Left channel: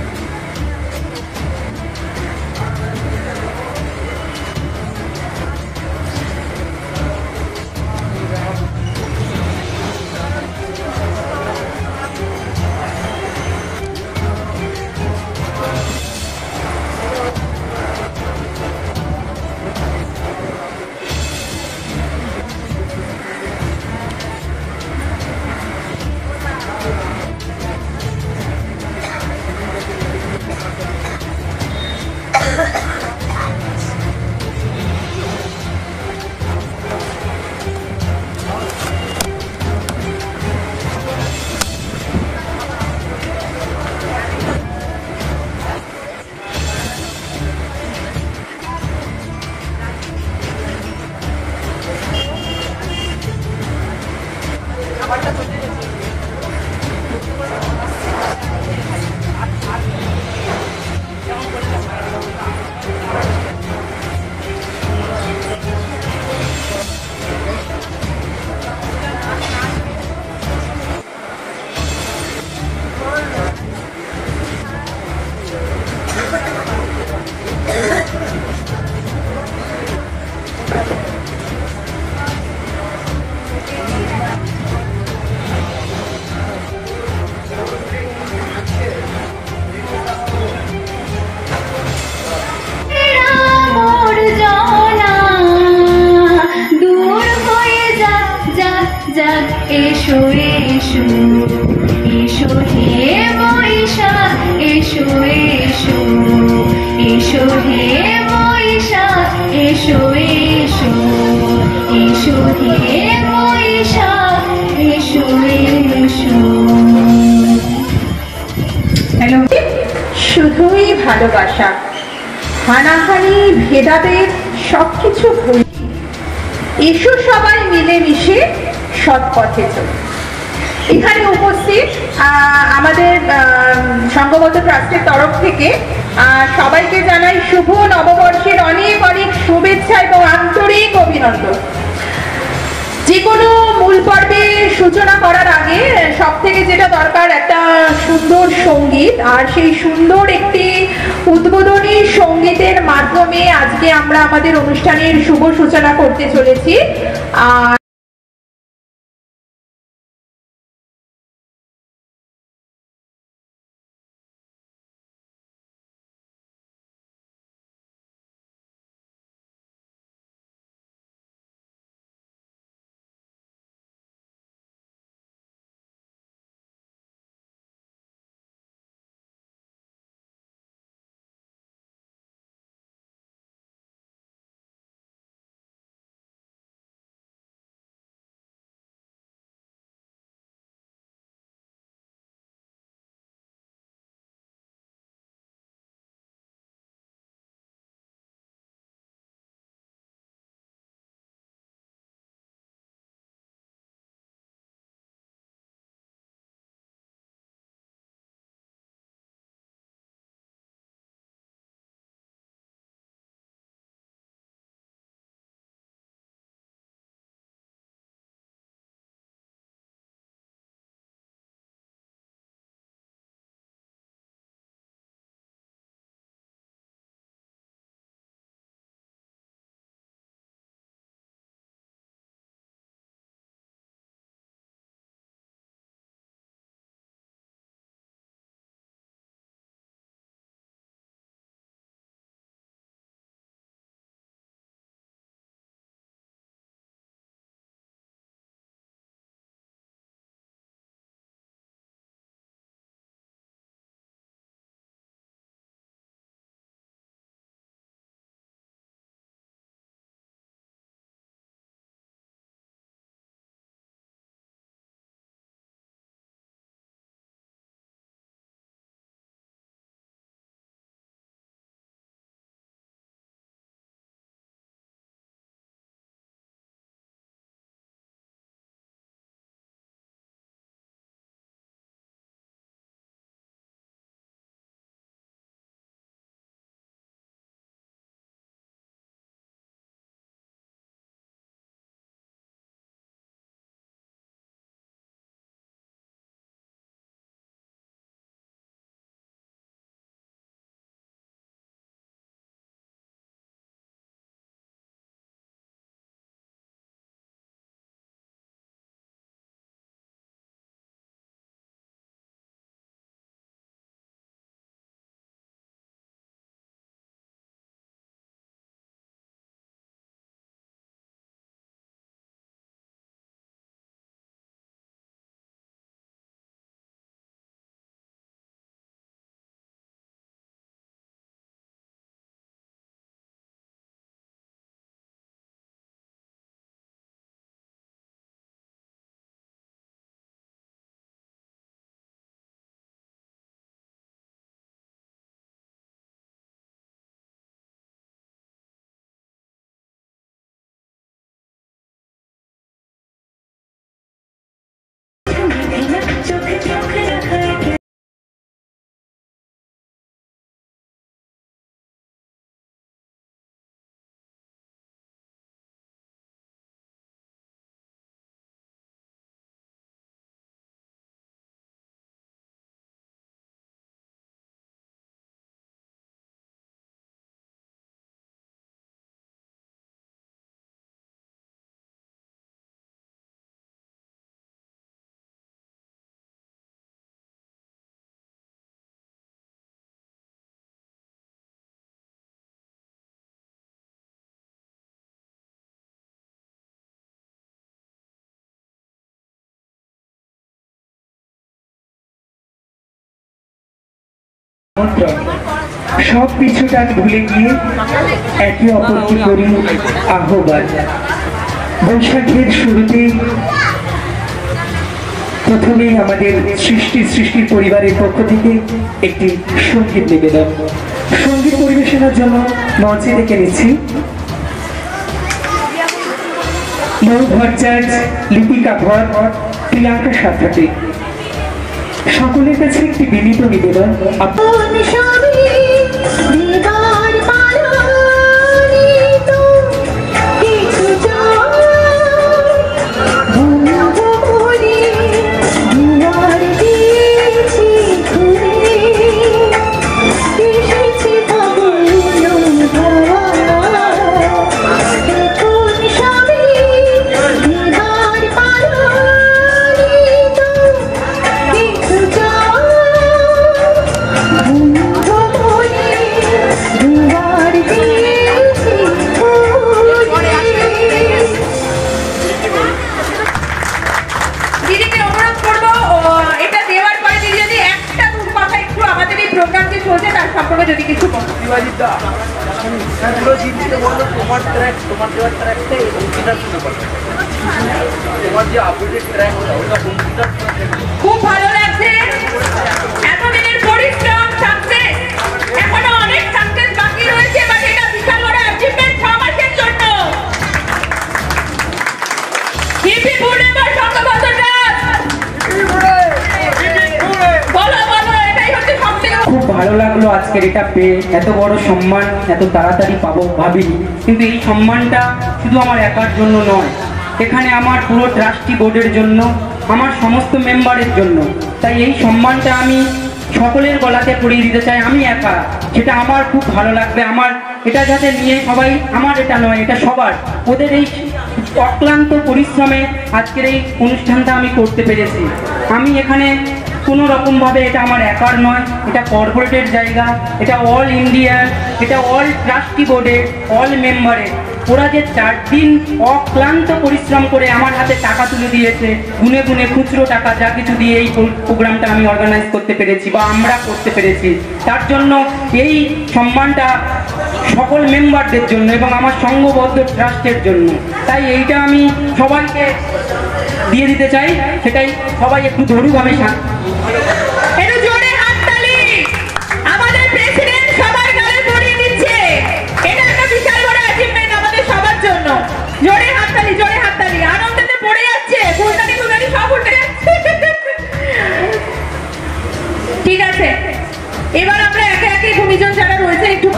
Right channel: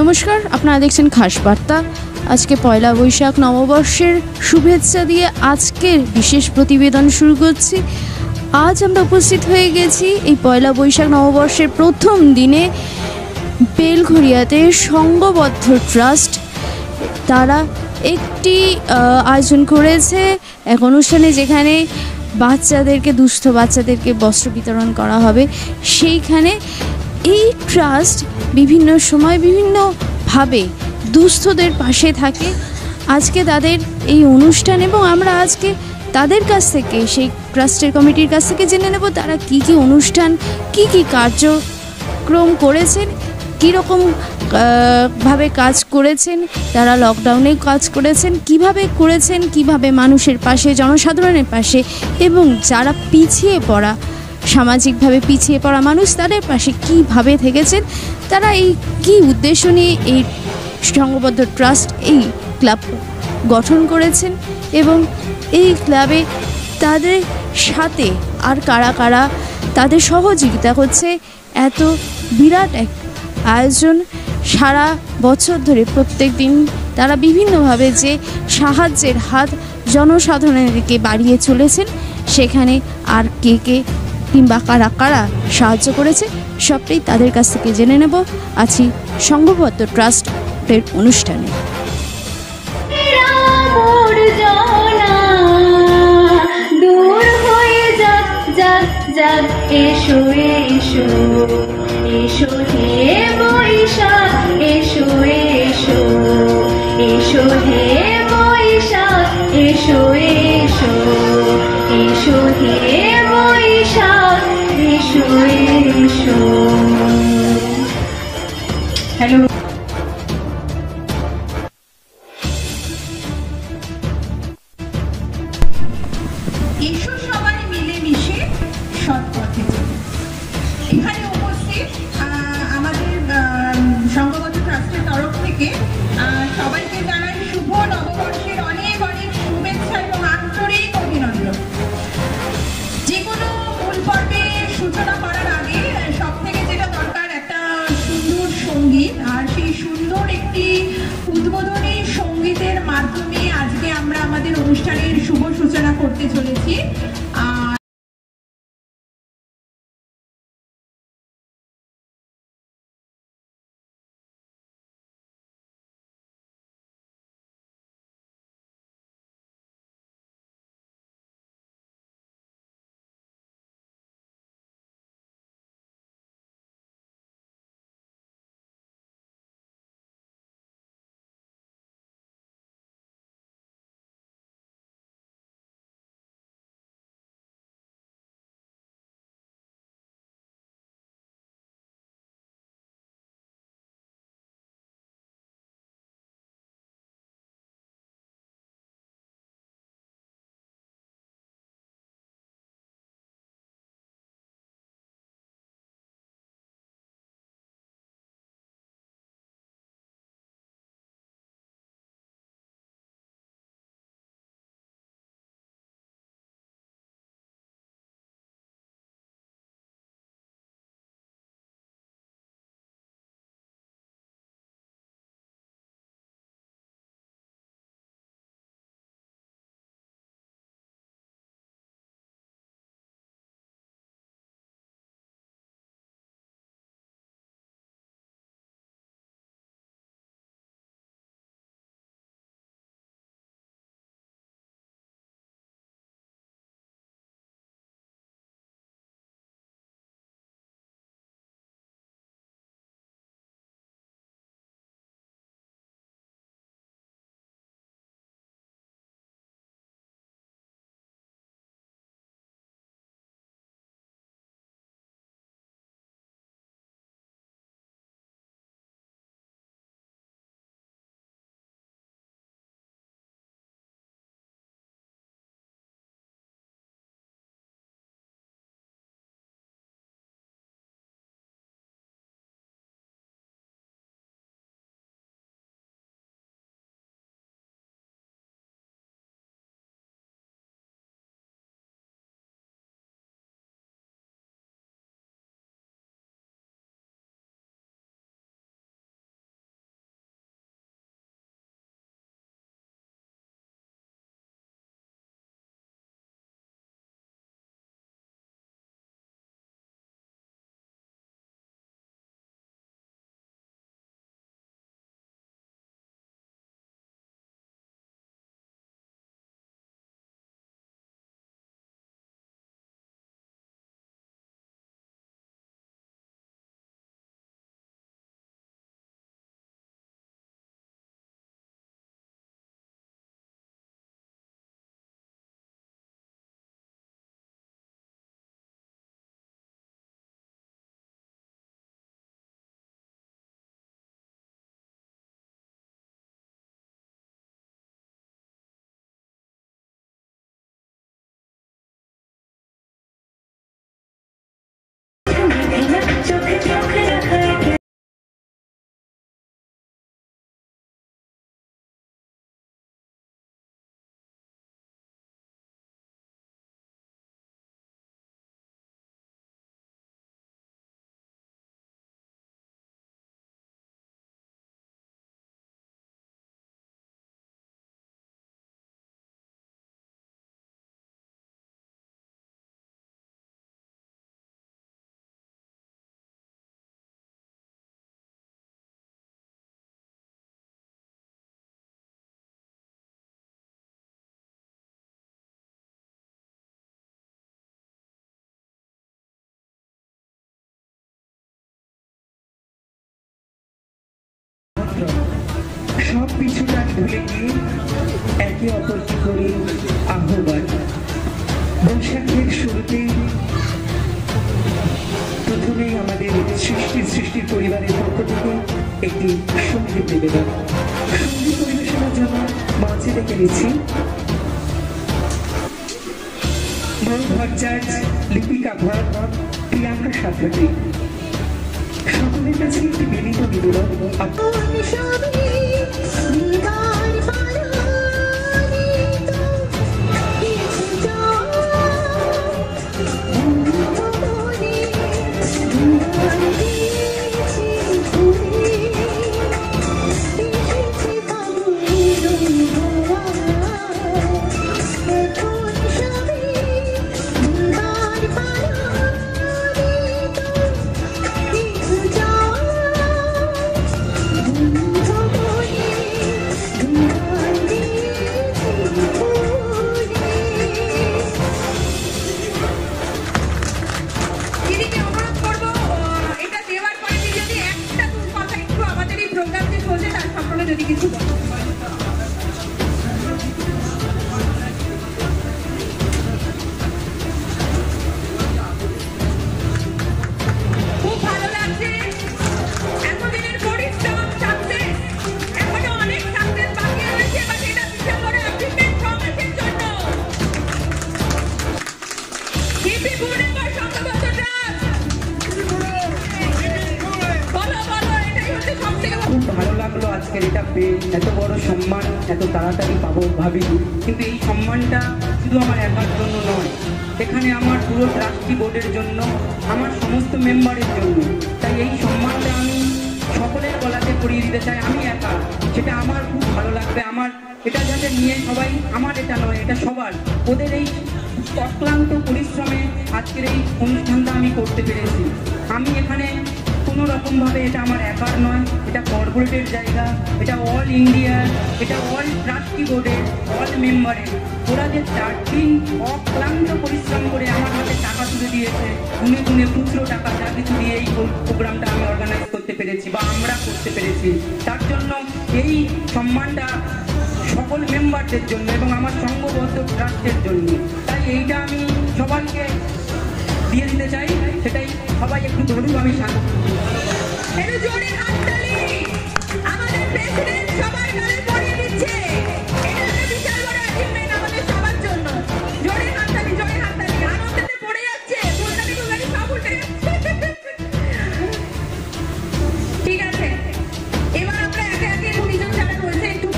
নমস্কার, আপনারা দেখছেন খাস বার্তা। আজকে পয়লা বৈশাখ নববর্ষের শুভেচ্ছা দিয়ে আজকের বিশেষ প্রতিবেদন শুরু করছি। আজ আমরা উপস্থিত হয়ে গেছি এই পয়লা বৈশাখ নববর্ষের প্রথম দিনে বেলঘরিয়াতে সংঘবদ্ধ ট্রাস্ট তারা একটি আয়োজন করেছে এক অনুষ্ঠানে, যেখানে দুস্থ বাচ্চাদেরকে বস্ত্র বিতরণ করা হবে। সেইখানে এই ট্রাস্ট বিভিন্ন সময় বিভিন্নভাবে দুস্থদের পাশে থাকে। আজকে তাদের এই অনুষ্ঠান, এবং আমরা আজকে তাদের কাছ থেকে, সেই ট্রাস্টের কমিটির কাছ থেকে জেনে নেব তারা কি কি অনুষ্ঠান, কি কি কার্যক্রম করেছেন, কীরকম ভাবে কাজ করেছেন, তারা লকডাউনে কাজ করেছেন, কিভাবে মানুষের পাশে, জনসাধারণের পাশে, এবং যারা সামাজিকভাবে পিছিয়ে পড়া মানুষ, তাদের পাশে কিভাবে থেকেছেন, তারা এই কী উদ্দেশ্য নিয়ে এই সংঘবদ্ধ ট্রাস্ট এই ক্লাব গঠন করেছেন, এবং এই ক্লাবে তাদের সাথে আর কারা তাদের সহযোগিতা করছে। এত বিরাট এক আয়োজন, সারা বছর ধরে প্রত্যেক দিন তারা বিভিন্নভাবে যে সাহায্যের হাত জনসাধারণের দিকে বাড়িয়ে চলেছেন, সেখানে আর কে কিংবা কারা সাহায্য করেছে সবটাই তাদের কাছ থেকে জেনে নেব আছি সংঘবদ্ধ ট্রাস্টের অনুষ্ঠানে। এসো এসো এসো হে বৈশাখ, এসো এসো এসো হে বৈশাখ, এসো এসো এসো হে বৈশাখ, এসো এসো। হ্যালো, শুধুই ভালোবাসা, হানাহানি ভেদাভেদ সবকিছু ভুলে এসো সবাই মিলেমিশে সৎ পথে চলে। এখানে উপস্থিত আমাদের সংঘবদ্ধ ট্রাস্টের তরফ থেকে সবাইকে জানাই শুভ নববর্ষের অনেক অনেক শুভেচ্ছা এবং আন্তরিক অভিনন্দন। যে কোনো মূল পর্বের সূচনা করার আগে সব থেকে যেটা দরকার, একটা সুন্দর সঙ্গীত, আর সেই সুন্দর একটি উদ্বোধনী সঙ্গীতের মাধ্যমে আজকে আমরা আমাদের অনুষ্ঠানের শুভ সূচনা করতে চলেছি। সব কিছুটা ভুলে গিয়ে একে অপরকে করি আহ্বান। বৈশাখের শুরুতে প্রথমেই আমাদের সৃষ্টির পরিবারের পক্ষ থেকে একটি সঙ্গীত নিবেদন। সঙ্গীত পরিবেশনার জন্য মঞ্চে ডেকে নিচ্ছি মৌ ভট্টাচার্য, লিপিকা ভট্ট, প্রিয়াঙ্কা সাথী। সকলের কাছে একটি বিনীত নিবেদন। যদি কিছু খুব ভালো লাগছে। এতদিনের পরিশ্রম সাকসেস, এখনো অনেক সাকসেস বাকি রয়েছে, বাট এটা বিশাল বড় অ্যাচিভমেন্ট 6 মাসের জন্য। হিপি পূর্ণিমার সংঘবদ্ধ রাত বলো বলো, এটাই হচ্ছে সবথেকে খুব ভালো লাগলো আজকের এটা পেয়ে। এত বড় সম্মান এত তাড়াতাড়ি পাবো ভাবিনি, কিন্তু এই সম্মানটা শুধু আমার একার জন্য নয়, এখানে আমার পুরো ট্রাস্টি বোর্ডের জন্য, আমার সমস্ত মেম্বারের জন্য। তাই এই সম্মানটা আমি সকলের গলাতে পরিয়ে দিতে চাই। আমি একা, সেটা আমার খুব ভালো লাগবে। আমার এটা যাতে নিয়ে সবাই, আমার এটা নয়, এটা সবার, ওদের এই অক্লান্ত পরিশ্রমে আজকের এই অনুষ্ঠানটা আমি করতে পেরেছি। আমি এখানে কোনো রকমভাবে, এটা আমার একার নয়, এটা কর্পোরেটের জায়গা, এটা অল ইন্ডিয়ার, এটা অল ট্রাস্টি বোর্ডের, অল মেম্বারের। ওরা যে 4 দিন অক্লান্ত পরিশ্রম করে আমার হাতে টাকা তুলে দিয়েছে, গুনে গুনে খুচরো টাকা যা কিছু দিয়ে এই প্রোগ্রামটা আমি অর্গানাইজ করতে পেরেছি বা আমরা করতে পেরেছি, তার জন্য এই সম্মানটা সকল মেম্বারদের জন্য এবং আমার সংঘবদ্ধ ট্রাস্টের জন্য। তাই এইটা আমি সবাইকে দিয়ে দিতে চাই, সেটাই সবাই একটু দৃঢ়ভাবে ঠিক আছে। এবার আমরা একে একে ভূমিজন যারা রয়েছে একটু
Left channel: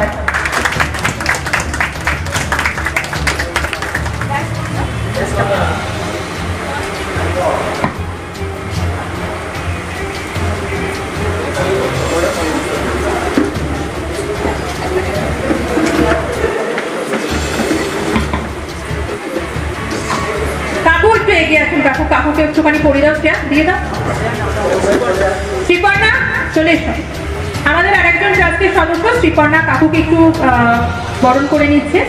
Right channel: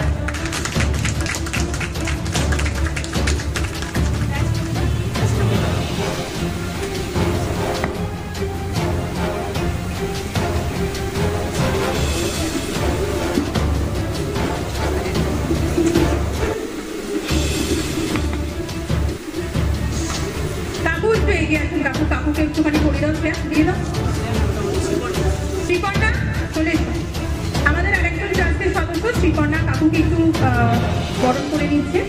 কাকু একটু এগিয়ে আসুন। কাকুকে একটুখানি করে দাও, দিয়ে দাও। শ্রীপর্ণা চলে এসো। আমাদের আরেকজন ট্রাস্টের সদস্য শ্রীপর্ণা কাকুকে একটু বরণ করে নিচ্ছে।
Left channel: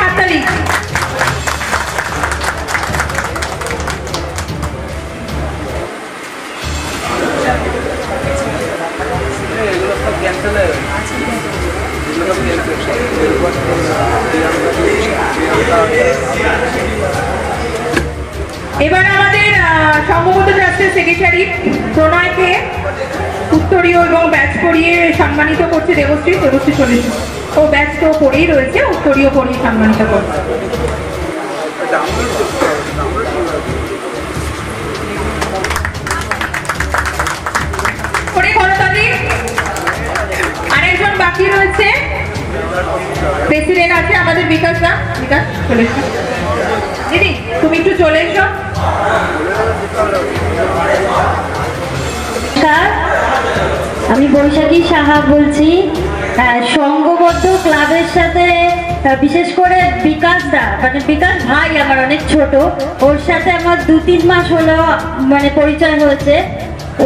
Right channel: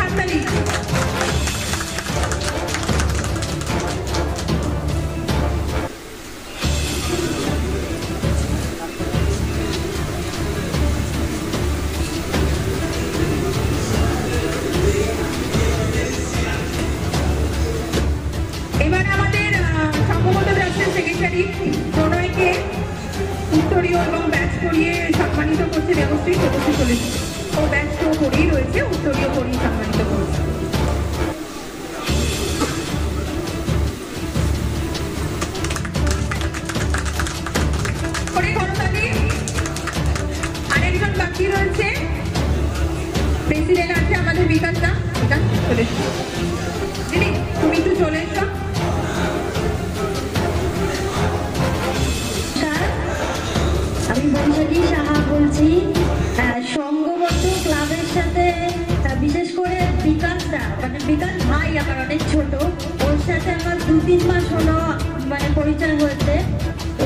হাততালি। এবার আমাদের সংঘবদ্ধ ট্রাস্টের সেক্রেটারি প্রণয়কে উত্তরীয় এবং ব্যাচ করিয়ে সম্মানিত করছে দেবশ্রী। চলে ও ব্যাচ তো করেই রয়েছে, উত্তরীয় করিয়ে সম্মানিত করছে। আরেকজন বাকি রয়েছে, প্রেসিডেন্ট আছে আমাদের বিকাশ দা। বিকাশ চলে এসো। দিদি তুমি একটু চলে এসো। আমি বৈশাখী সাহা বলছি। সংঘবদ্ধ ক্লাবের সাথে বিশেষ করে বিকাশ দা, মানে বিকাশ ভাই আমার অনেক ছোট, ওর সাথে আমার 2-3 মাস হলো মানে পরিচয় হয়েছে।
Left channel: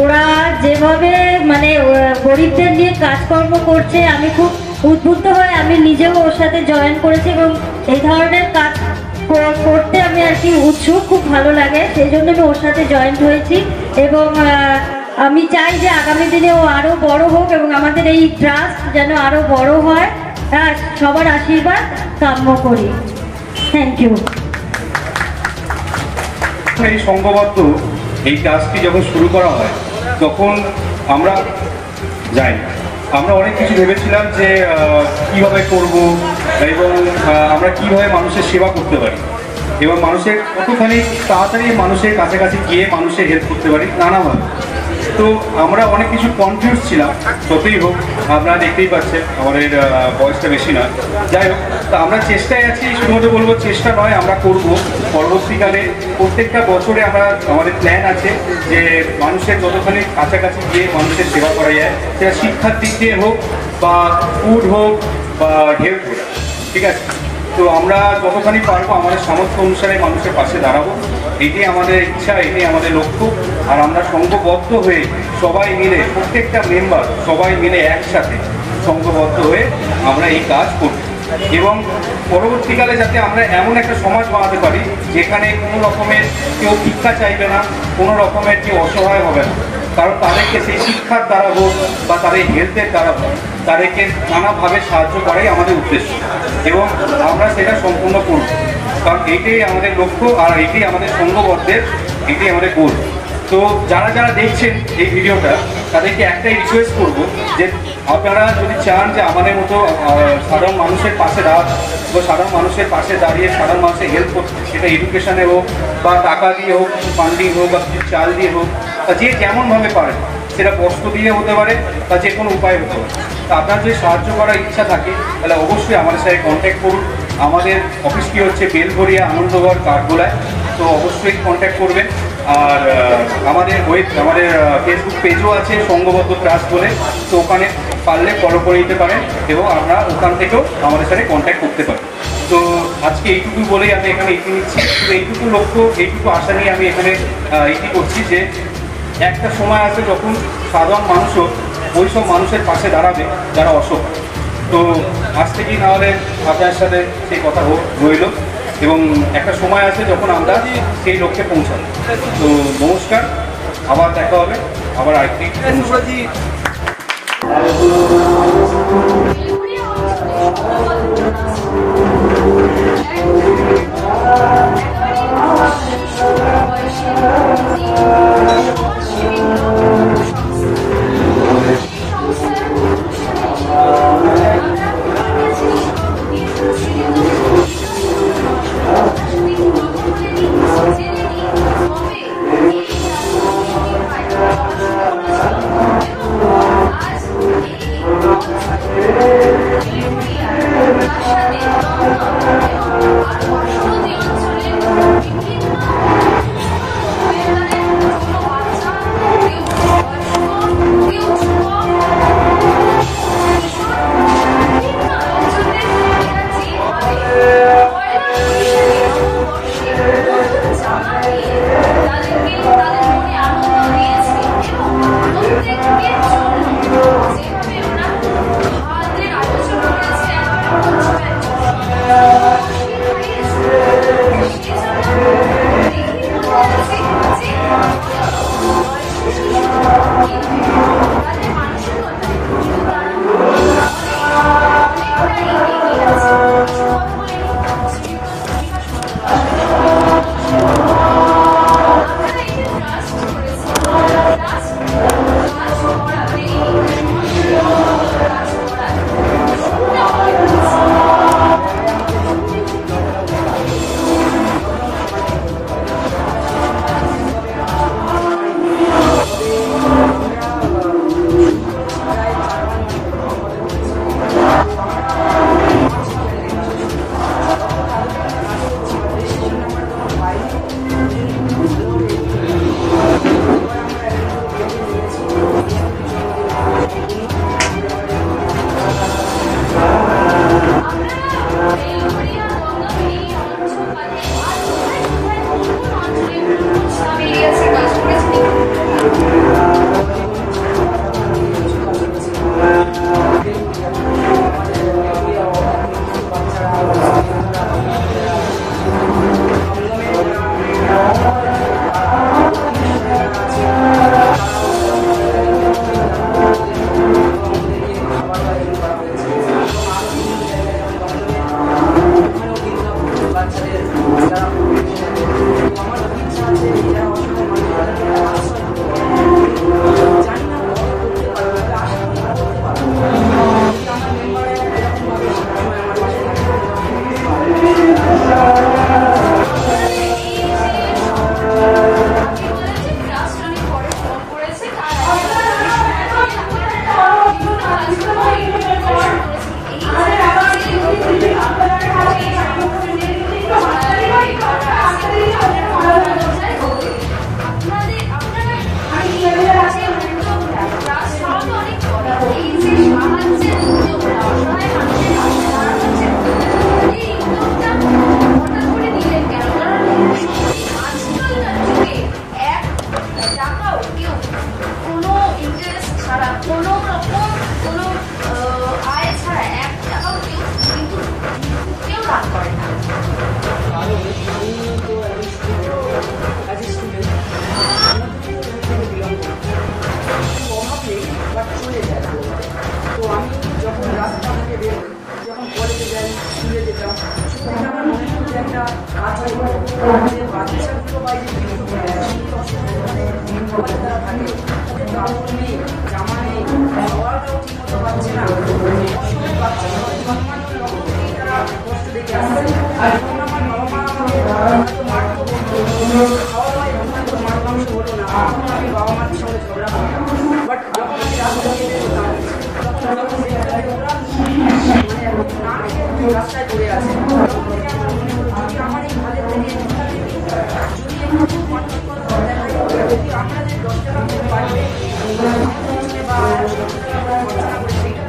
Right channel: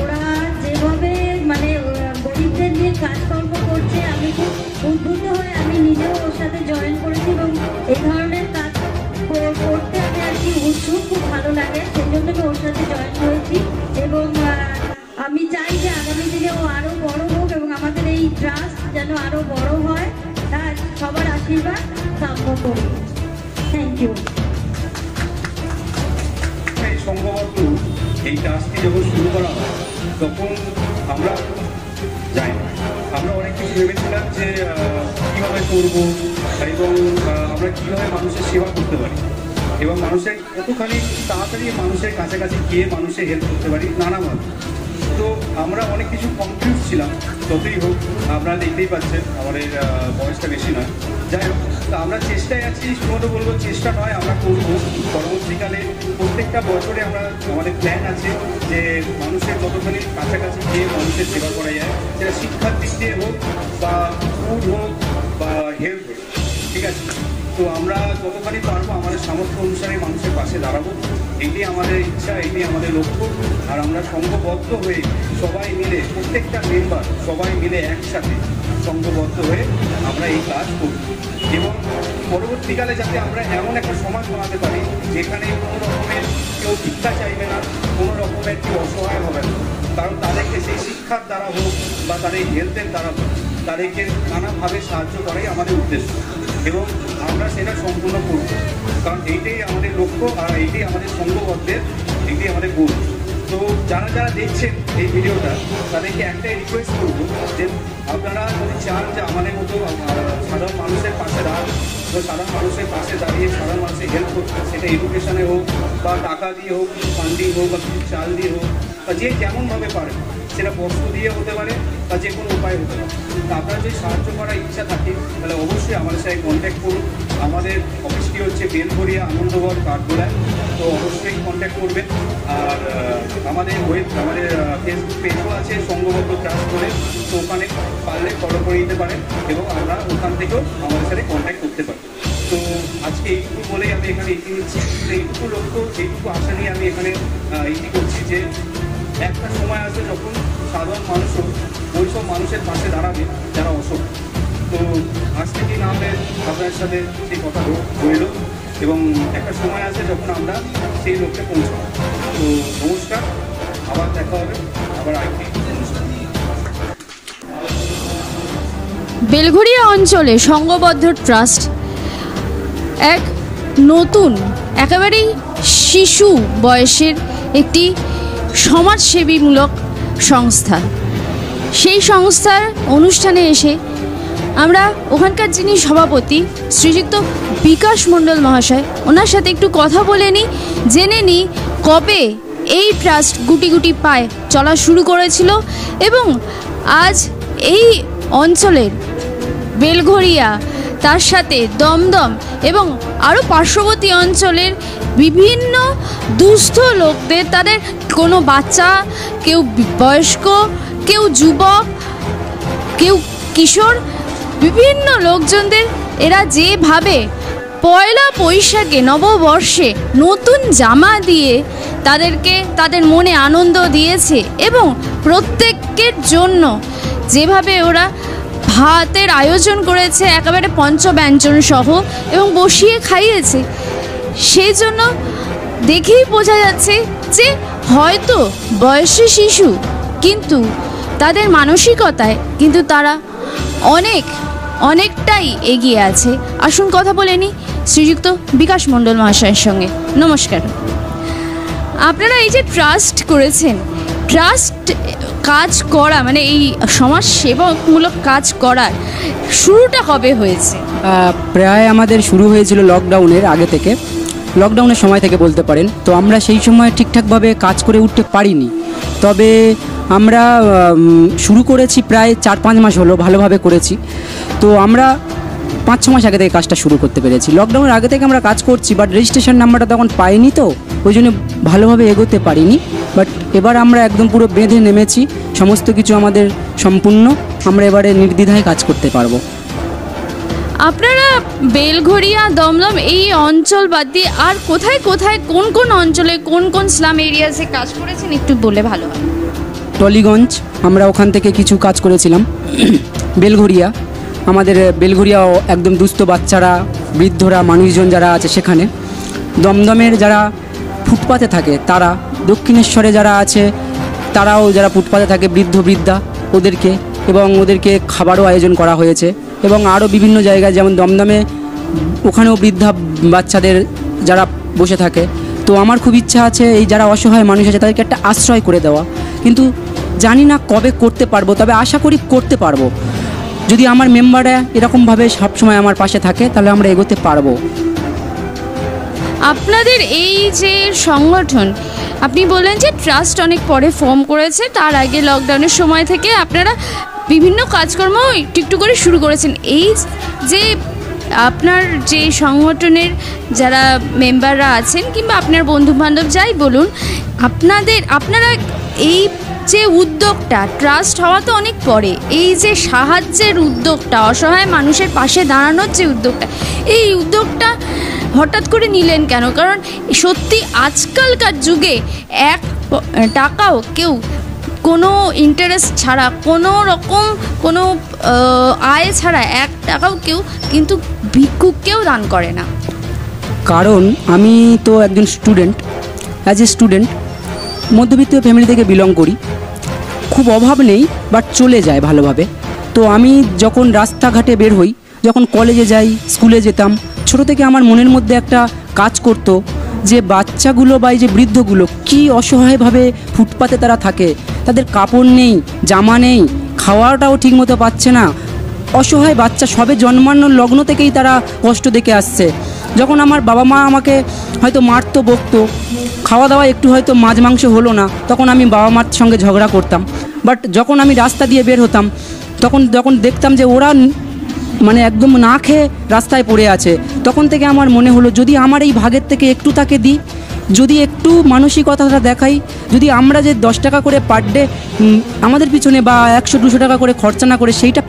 ওরা যেভাবে মানে গরিবদের নিয়ে কাজকর্ম করছে, আমি খুব উদ্বুদ্ধ হয়ে আমি নিজেও ওর সাথে জয়েন করেছি এবং এই ধরনের কাজ করতে আমি আর কি উৎসুক, খুব ভালো লাগে, সেই জন্য আমি ওর সাথে জয়েন হয়েছি। এবং আমি চাই যে আগামী দিনেও আরো বড় হোক এবং আমাদের এই ট্রাস্ট যেন আরো বড় হয়। হ্যাঁ, সবার আশীর্বাদ কাম্য করি। Thank you. এই সংঘবদ্ধ এই ট্রাস্টটি যখন শুরু করা হয় তখন আমরা যাই, আমরা অনেক কিছু ভেবেছিলাম যে কিভাবে করব এবং আমরা কিভাবে মানুষের সেবা করতে পারি এবং মানুষের কতখানি তাড়াতাড়ি মানুষের কাছাকাছি গিয়ে মানুষের হেল্প করতে পারি নানাভাবে। তো আমরা অনেক কিছু কনফিউজ ছিলাম। যতই হোক, আপনারা দেখতেই পাচ্ছেন আমাদের বয়সটা বেশি নয়। যাই হোক, তা আমরা চেষ্টায় আছি। শুধুমাত্র বলবো চেষ্টা নয়, আমরা করব পরবর্তীকালে। প্রত্যেকটা বছরে আমাদের প্ল্যান আছে যে মানুষের যতখানি কাছাকাছি গিয়ে মানুষের সেবা করা যায়, সেটা শিক্ষার দিক দিয়ে হোক বা ফুড হোক বা হেলথ হোক, ঠিক আছে? তো আমরা যতখানি পারবো আমাদের সামর্থ্য অনুসারে মানুষের পাশে দাঁড়াবো, এটাই আমাদের ইচ্ছা, এটাই আমাদের লক্ষ্য। আর আমরা সংঘবদ্ধ হয়ে সবাই মিলে, প্রত্যেকটা মেম্বার সবাই মিলে একসাথে সংঘবদ্ধ হয়ে আমরা এই কাজ করব এবং পরবর্তীকালে যাতে আমরা এমন একটা সমাজ বানাতে পারি যেখানে কোনো রকমের কেউ ভিক্ষা চাইবে না, কোনো রকমের কেউ অসহায় হবে না। কারণ তাদেরকে সেই শিক্ষার দ্বারা হোক বা তাদের হেলথের দ্বারা হোক, তাদেরকে নানাভাবে সাহায্য করাই আমাদের উদ্দেশ্য এবং আমরা সেটা সম্পূর্ণ করব। কারণ এইটাই আমাদের লক্ষ্য আর এইটাই আমাদের সংঘবদ্ধের, এটাই আমাদের গোল। তো যারা যারা দেখছেন এই ভিডিওটা, তাদেরকে একটাই রিকোয়েস্ট করবো যে আপনারা যদি চান যে আমাদের মতো সাধারণ মানুষের পাশে দাঁড়ান বা সাধারণ মানুষের পাশে দাঁড়িয়ে সাধারণ মানুষের হেল্প করতে, সেটা এডুকেশনে হোক বা টাকা দিয়ে হোক, ফান্ডিং হোক বা কিছু চাল দিয়ে হোক, বা যে যেমনভাবে পারেন, সেটা বস্ত্র দিয়ে হতে পারে বা যে কোনো উপায় হতে পারে। তা আপনার যদি সাহায্য করার ইচ্ছা থাকে তাহলে অবশ্যই আমাদের সাথে কন্ট্যাক্ট করুন। আমাদের অফিসটি হচ্ছে বেলঘরিয়া আনন্দগড় কাঠগোলায়, তো অবশ্যই কন্ট্যাক্ট করবেন। আর আমাদের ফেসবুক পেজও আছে সংঘবদ্ধ ট্রাস্ট বলে, তো ওখানে পারলে ফলো করে দিতে পারেন এবং আমরা ওখান থেকেও আমাদের সাথে কন্ট্যাক্ট করতে পারি। তো আজকে এইটুকু বলেই আমি এখানে এগিয়ে নিচ্ছি। এইটুকু লক্ষ্য, এইটুকু আশা নিয়ে আমি এখানে এগিয়ে করছি যে একটা সময় আছে যখন সাধারণ মানুষও ওই সব মানুষের পাশে দাঁড়াবে যারা অসহায়। তো আজ থেকেই নাহলে আপনার সাথে সেই কথা হইল এবং একটা সময় আছে যখন আমরা সেই লক্ষ্যে পৌঁছাবো। তো নমস্কার, আবার দেখা হবে, আবার আরেকটি। বেলঘরিয়া অঞ্চলে সংঘবদ্ধ ট্রাস্ট এক নতুন, একেবারেই শিশু বয়সের একটি সমাজসেবীমূলক সংস্থা। সেই সংস্থার অনুষ্ঠানে এসে আমরা ওখানকার যিনি সভাপতি শ্রীযুক্ত বিকাশ মণ্ডল মহাশয়, ওনার সাথে একটু কথা বলে নিই, জেনে নিই কবে এই ট্রাস্ট গুটি গুটি পায় চলা শুরু করেছিল এবং আজ এই অঞ্চলে বেলঘরিয়া, তার সাথে দমদম এবং আরও পার্শ্ববর্তী অঞ্চলের বিভিন্ন দুস্থ লোকদের, তাদের কোনো বাচ্চা, কেউ বয়স্ক, কেউ যুবক, কেউ কিশোর, বিভিন্ন লোকজনদের এরা যেভাবে পয়লা বৈশাখে নববর্ষে নতুন জামা দিয়ে তাদেরকে তাদের মনে আনন্দ দিয়েছে এবং প্রত্যেকের জন্য যেভাবে ওরা ভাতের আয়োজন করেছে একেবারে পঞ্চব্যঞ্জন সহ এবং বসিয়ে খাইয়েছে, সেই জন্য দেখেই বোঝা যাচ্ছে যে হয়তো বয়সী শিশু কিন্তু তাদের মানসিকতায় কিন্তু তারা অনেকটাই এগিয়ে আছে। আসুন কথা বলে নিই শ্রীযুক্ত বিকাশ মণ্ডল মহাশয়ের সঙ্গে। নমস্কার। আপনারা এই যে ট্রাস্ট করেছেন, ট্রাস্ট কাজ করা মানে এই সমাজ সেবামূলক কাজ করার শুরুটা কবে হয়েছে? প্রায় আমাদের শুরু হয়েছিল লকডাউনের আগে থেকে, লকডাউনের সময় থেকে বলতে পারেন। তো আমরা সেই সময় ঠিকঠাকভাবে কাজ করে উঠতে পারিনি, তবে আমরা শুরু করেছি প্রায় 4-5 মাস হলো, ভালোভাবে করেছি। তো আমরা 5-6 মাস আগে থেকে কাজটা শুরু করতে পেরেছি। লকডাউনের আগে থেকে আমরা কাজ করছি, বাট রেজিস্ট্রেশন নাম্বারটা তখন পাইনি, তো ওই জন্য ভালোভাবে এগোতে পারিনি। বাট এবার আমরা একদম পুরো বেঁধে নেমেছি, সমস্ত কিছু আমাদের সম্পূর্ণ, আমরা এবারে নির্দ্বিধায় কাজ করতে পারবো। আপনারা বেলঘরিয়া, দমদম এই অঞ্চল বাদ দিয়ে আর কোথায় কোথায়, কোন কোন অঞ্চলে, কোন কোন স্লাম এরিয়াসে কাজ করেছেন একটু বলে ভালো। টলিগঞ্জ, আমরা ওখান থেকে কিছু কাজ করেছিলাম। বেলঘরিয়া, আমাদের বেলঘরিয়াও একদম দুস্থ বাচ্চারা, বৃদ্ধরা, মানুষজন যারা আছে সেখানে। দমদমের যারা ফুটপাতে থাকে তারা, দক্ষিণেশ্বরে যারা আছে তারাও যারা ফুটপাতে থাকে বৃদ্ধ বৃদ্ধা ওদেরকে খাবারও আয়োজন করা হয়েছে, এবং আরও বিভিন্ন জায়গায় যেমন দমদমে ওখানেও বৃদ্ধা বাচ্চাদের যারা বসে থাকে। তো আমার খুব ইচ্ছা আছে এই যারা অসহায় মানুষ আছে তাদেরকে একটা আশ্রয় করে দেওয়া, কিন্তু জানি না কবে করতে পারবো, তবে আশা করি করতে পারবো। যদি আমার মেম্বাররা এরকমভাবে সবসময় আমার পাশে থাকে তাহলে আমরা এগোতে পারবো। আপনাদের এই যে সংগঠন, আপনি বললেন যে ট্রাস্ট অনেক পরে ফর্ম করেছে, তার আগে লকডাউনের সময় থেকে আপনারা বিভিন্ন কাজকর্ম একটু একটু করে শুরু করেছেন। এই যে আপনার যে সংগঠনের যারা মেম্বাররা আছেন কিংবা আপনার বন্ধুবান্ধব যাই বলুন, আপনারা এই যে উদ্যোগটা, ট্রাস্ট হওয়া তো অনেক পরে, এই যে সাহায্যের উদ্যোগটা, অসহায় মানুষের পাশে দাঁড়ানোর যে উদ্যোগটা, এই উদ্যোগটা হঠাৎ করে নিলেন কেন? কারণ সত্যি আজকালকার যুগে 1 টাকাও কেউ কোনো ইন্টারেস্ট ছাড়া, কোনো রকম কোনো আয় ছাড়া 1 টাকাও কেউ কিন্তু ভিক্ষুককেও দান করে না। কারণ আমি তো একজন স্টুডেন্ট, অ্যাজ এ স্টুডেন্ট মধ্যবিত্ত ফ্যামিলি থেকে বিলং করি, খুব অভাব নেই বাট চলে যায় ভালোভাবে। তো আমি যখন রাস্তাঘাটে বের হই, যখন কলেজে যাই, স্কুলে যেতাম, ছোট থেকে আমার মনের মধ্যে একটা কাজ করতো যে বাচ্চাগুলো বা এই যে বৃদ্ধগুলো কি অসহায়ভাবে ফুটপাতে তারা থাকে, তাদের কাপড় নেই, জামা নেই, খাওয়াটাও ঠিকমতো পাচ্ছে না, অসহায় বাচ্চা, সবে জন্মানোর লগ্ন থেকেই তারা কষ্ট দেখে আসছে। যখন আমার বাবা মা আমাকে হয়তো মারতো, বকতো, খাওয়া দাওয়া একটু হয়তো মাছ মাংস হলো না, তখন আমি বাবা মার সঙ্গে ঝগড়া করতাম। বাট যখন আমি রাস্তা দিয়ে বের হতাম, যখন দেখতাম যে ওরা মানে একদম না খেয়ে রাস্তায় পড়ে আছে, তখন থেকে আমার মনে হলো যদি আমার এই ভাগের থেকে একটু তাকে দিই, যদি একটু মানসিকতাটা দেখাই, যদি আমরা যে 10 টাকা করে পার ডে আমাদের পিছনে বা 100-200 টাকা করে খরচা না করে সেইটা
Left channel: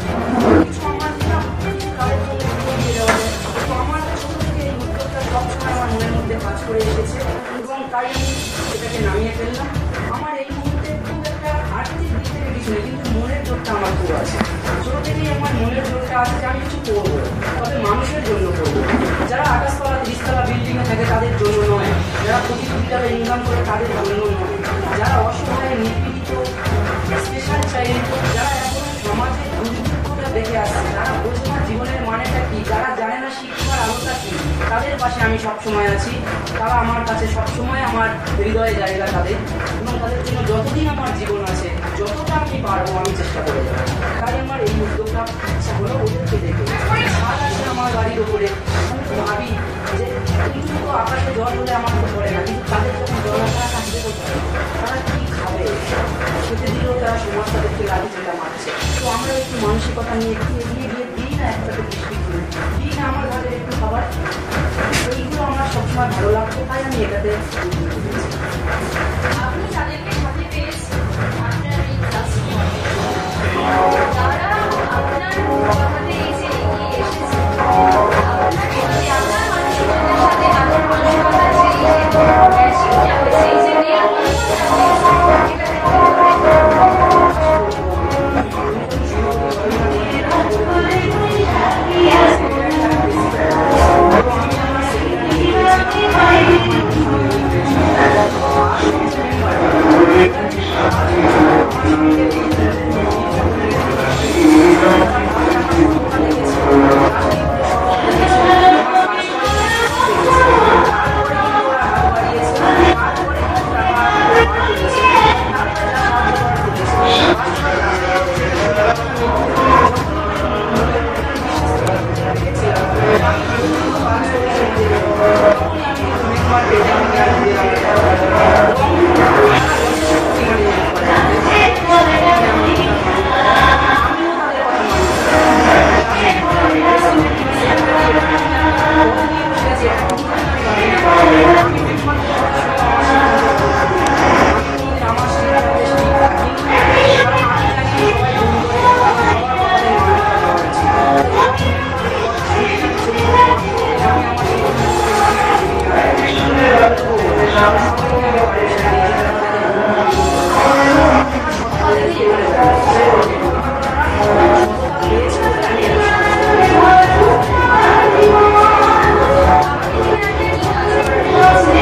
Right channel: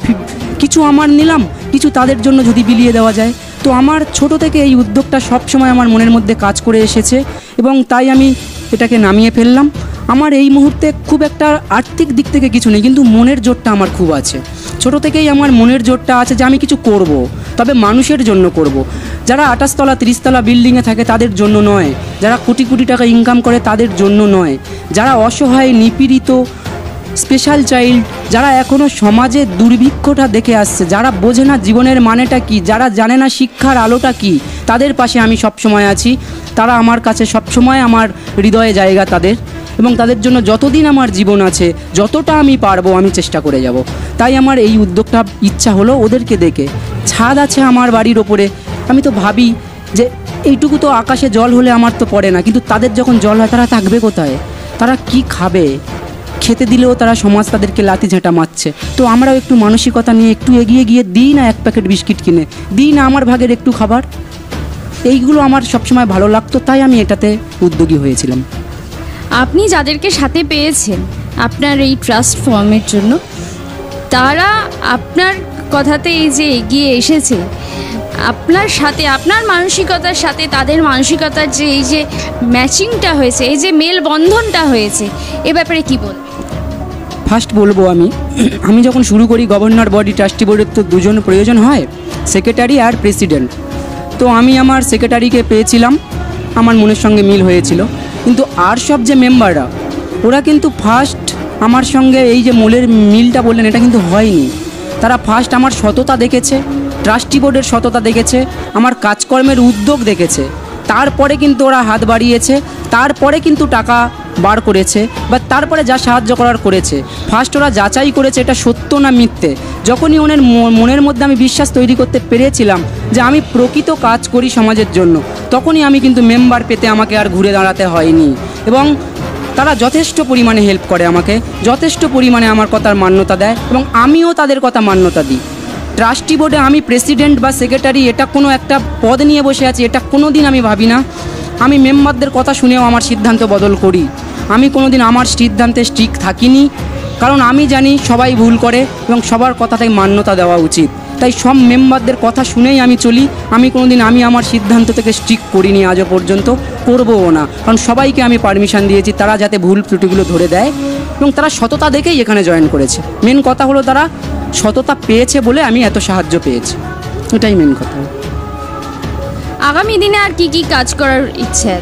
কিছু আমার নিলাম, কিছু তাদের জন্য যদি বিলিয়ে দেওয়া যায়। তো আমার ছোট থেকে এই উদ্যোগটা সবসময় আমার মনের মধ্যে কাজ করে এসেছে এবং তাই আমি এটাকে নামিয়ে ফেললাম। আমার এই মুহূর্তে খুব একটা আর্থিক দিক থেকে কিছু নেই, কিন্তু মনের জোরটা আমার খুব আছে। ছোট থেকেই আমার মনের জোরটা আছে যে আমি কিছু করব, তবে মানুষের জন্য করব। যারা 28 তলা 30 তলা বিল্ডিংয়ে থাকে তাদের জন্য নয়, যারা কোটি কোটি টাকা ইনকাম করে তাদের জন্য নয়, যারা অসহায়, নিপীড়িত, স্পেশাল চাইল্ড, যারা এখনও সমাজে দুর্ভিক্ষটা দেখে আসছে, যারা বোঝে না জীবনের মানেটা কি, যারা জানে না শিক্ষার আলোটা কি, তাদের পাশে আমি সবসময় আছি। তারা আমার কাছে সবসময় আমার হৃদয়ে জায়গা তাদের, এবং তাদের জন্য যতদিন আমার জীবন আছে, যতটা আমি পারবো আমি চেষ্টা করে যাব। তাই আমার এই উদ্যোগটা ইচ্ছা হলো ওদেরকে দেখে। ছাদ আছে আমার বাড়ির ওপরে, আমি তো ভাবি যে এইটুকু তো আকাশে জল হলে আমার তো পড়ে না, কিন্তু তাদের যখন জল হয় তারা থাকবে কোথায়, তারা কি খাবে, খেতে দিলেও তারা সমাজ তাদেরকে লাথি ঝাঁটা মারছে। তো আমরাও একটু মানসিকতা নিয়ে একটু এগিয়ে গিয়ে দিই না 1 প্যাকেট বিস্কিট কিনে, দিই না আমার ভাগের একটু খাবার। এইগুলো আমার সবসময় ভালো লাগতো, তাই আমি এটাতে উদ্যোগী হয়েছিলাম। আপনি যাদেরকে সাথে পেয়েছেন আপনার এই ট্রাস্ট ফর্মের জন্য, তারা আপনার কথাতে এই যে এগিয়ে এসেছে, আপনার সাথে, আপনার মানসিকতার সাথে তাদের মানসিকতার যে এই যে ম্যাচিংটা হয়েছে, এই যে মেলবন্ধনটা হয়েছে, এ ব্যাপারে কী বল? ফার্স্ট বলবো আমি যখন শুরু করি গভর্নর বডি ট্রাস্টি বোর্ডের তো 2 জন প্রয়োজন হয়, সেক্রেটারি আর প্রেসিডেন্ট। তো আমি আমার সেক্রেটারিকে পেয়েছিলাম, আমার মনের সঙ্গে মিল হয়েছিল, কিন্তু আর সব যে মেম্বাররা ওরা কিন্তু ফার্স্ট আমার সঙ্গে এই যে মূলের মিলটা বললেন এটা কিন্তু হয়নি। তারা ফার্স্ট আমার সততা দেখেছে, ট্রাস্টি বোর্ডের সততা দেখেছে, আমার কাজকর্মের উদ্যোগ দেখেছে, তারপরে কিন্তু ওরা হাত বাড়িয়েছে, তারপরে কিন্তু টাকা বার করেছে বা তারপরে যা সাহায্য করার করেছে। ফার্স্ট ওরা যাচাই করেছে এটা সত্য না মিথ্যে। যখনই ওদের মনের মধ্যে আমি বিশ্বাস তৈরি করতে পেরেছিলাম যে আমি প্রকৃত কাজ করি সমাজের জন্য, তখনই আমি কিন্তু মেম্বার পেতে আমাকে আর ঘুরে দাঁড়াতে হয়নি, এবং তারা যথেষ্ট পরিমাণে হেল্প করে আমাকে, যথেষ্ট পরিমাণে আমার কথার মান্যতা দেয় এবং আমিও তাদের কথা মান্যতা দিই। ট্রাস্টি বোর্ডে আমি প্রেসিডেন্ট বা সেক্রেটারি এটা কোনো একটা পদ নিয়ে বসে আছি এটা কোনো দিন আমি ভাবি না। আমি মেম্বারদের কথা শুনেও আমার সিদ্ধান্ত বদল করি। আমি কোনো দিন আমার সিদ্ধান্তে স্ট্রিক থাকিনি, কারণ আমি জানি সবাই ভুল করে এবং সবার কথাতে মান্যতা দেওয়া উচিত। তাই সব মেম্বারদের কথা শুনেই আমি চলি। আমি কোনো দিন আমার সিদ্ধান্ত থেকে স্ট্রিক করিনি, আজও পর্যন্ত করবও না, কারণ সবাইকে আমি পারমিশন দিয়েছি তারা যাতে ভুল ত্রুটিগুলো ধরে দেয়, এবং তারা সততা দেখেই এখানে জয়েন করেছে। মেন কথা হলো তারা সততা পেয়েছে বলে আমি এত সাহায্য পেয়েছি, এটাই মেন কথা। আগামী দিনে আর কি কি কাজ করার ইচ্ছে?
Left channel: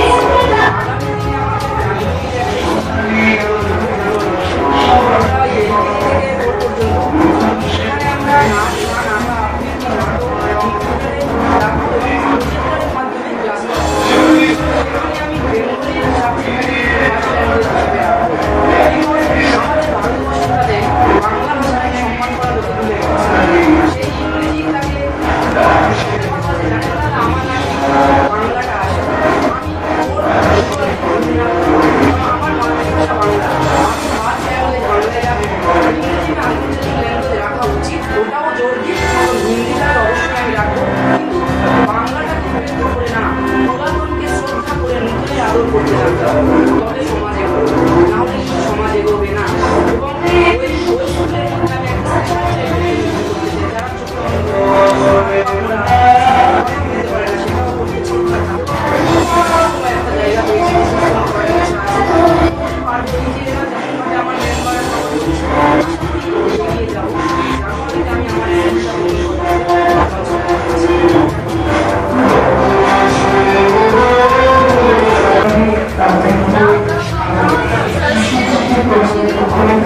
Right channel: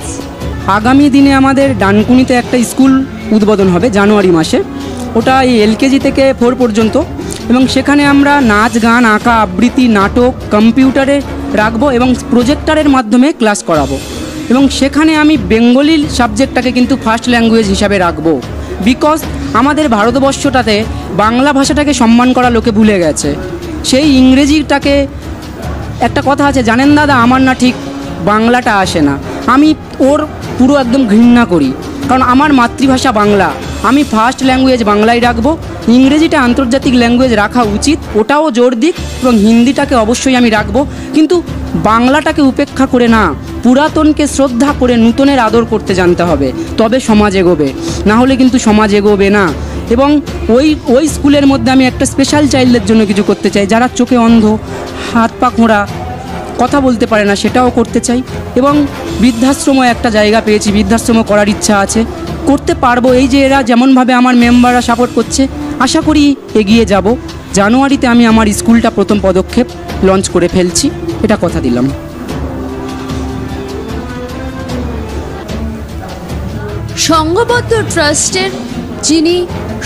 আগামী দিনে আমাদের ডানকুনিতে একটা স্কুল উদ্বোধন হবে জানুয়ারি মাসে, ওটা এই এলকেজি থেকে 4 পর্যন্ত, এবং সেখানে আমরা নাচ গান আঁকা আবৃত্তি নাটক কম্পিউটারে রাখবো এবং প্রজেক্টরের মাধ্যমে ক্লাস করাবো। এবং সেখানে আমি বেঙ্গলি সাবজেক্টটাকে কিন্তু ফার্স্ট ল্যাঙ্গুয়েজ হিসাবে রাখবো, বিকজ আমাদের ভারতবর্ষটাতে বাংলা ভাষাটাকে সম্মান করা লোকে ভুলে গেছে। সেই ইংরেজিটাকে, একটা কথা আছে জানেন দাদা, আমার না ঠিক বাংলাটা আসে না, আমি ওর পুরো একদম ঘৃণা করি, কারণ আমার মাতৃভাষা বাংলা, আমি ফার্স্ট ল্যাঙ্গুয়েজ বাংলায় রাখবো। ইংরেজিটা আন্তর্জাতিক ল্যাঙ্গুয়েজ রাখা উচিত, ওটাও জোর দিক, এবং হিন্দিটাকে অবশ্যই আমি রাখবো, কিন্তু বাংলাটাকে উপেক্ষা করে না, পুরাতনকে শ্রদ্ধা করে নূতনের আদর করতে জানতে হবে, তবে সমাজ এগোবে, না হলে কিন্তু সমাজ এগোবে না। এবং ওই স্কুলের মধ্যে আমি একটা স্পেশাল চাইল্ডের জন্য কিছু করতে চাই, যারা চোখে অন্ধ, হাত পা খোঁড়া, কথা বলতে পারে না, সেটাও করতে চাই। এবং বৃদ্ধাশ্রমও একটা জায়গা পেয়েছি, বৃদ্ধাশ্রম করার ইচ্ছা আছে, করতে পারবো। এই যে এরা যেমনভাবে আমার মেম্বাররা সাপোর্ট করছে, আশা করি এগিয়ে যাব। জানুয়ারিতে আমি আমার স্কুলটা প্রথম পদক্ষেপ লঞ্চ করে ফেলছি, এটা কথা দিলাম। সংঘবদ্ধ ট্রাস্টের যিনি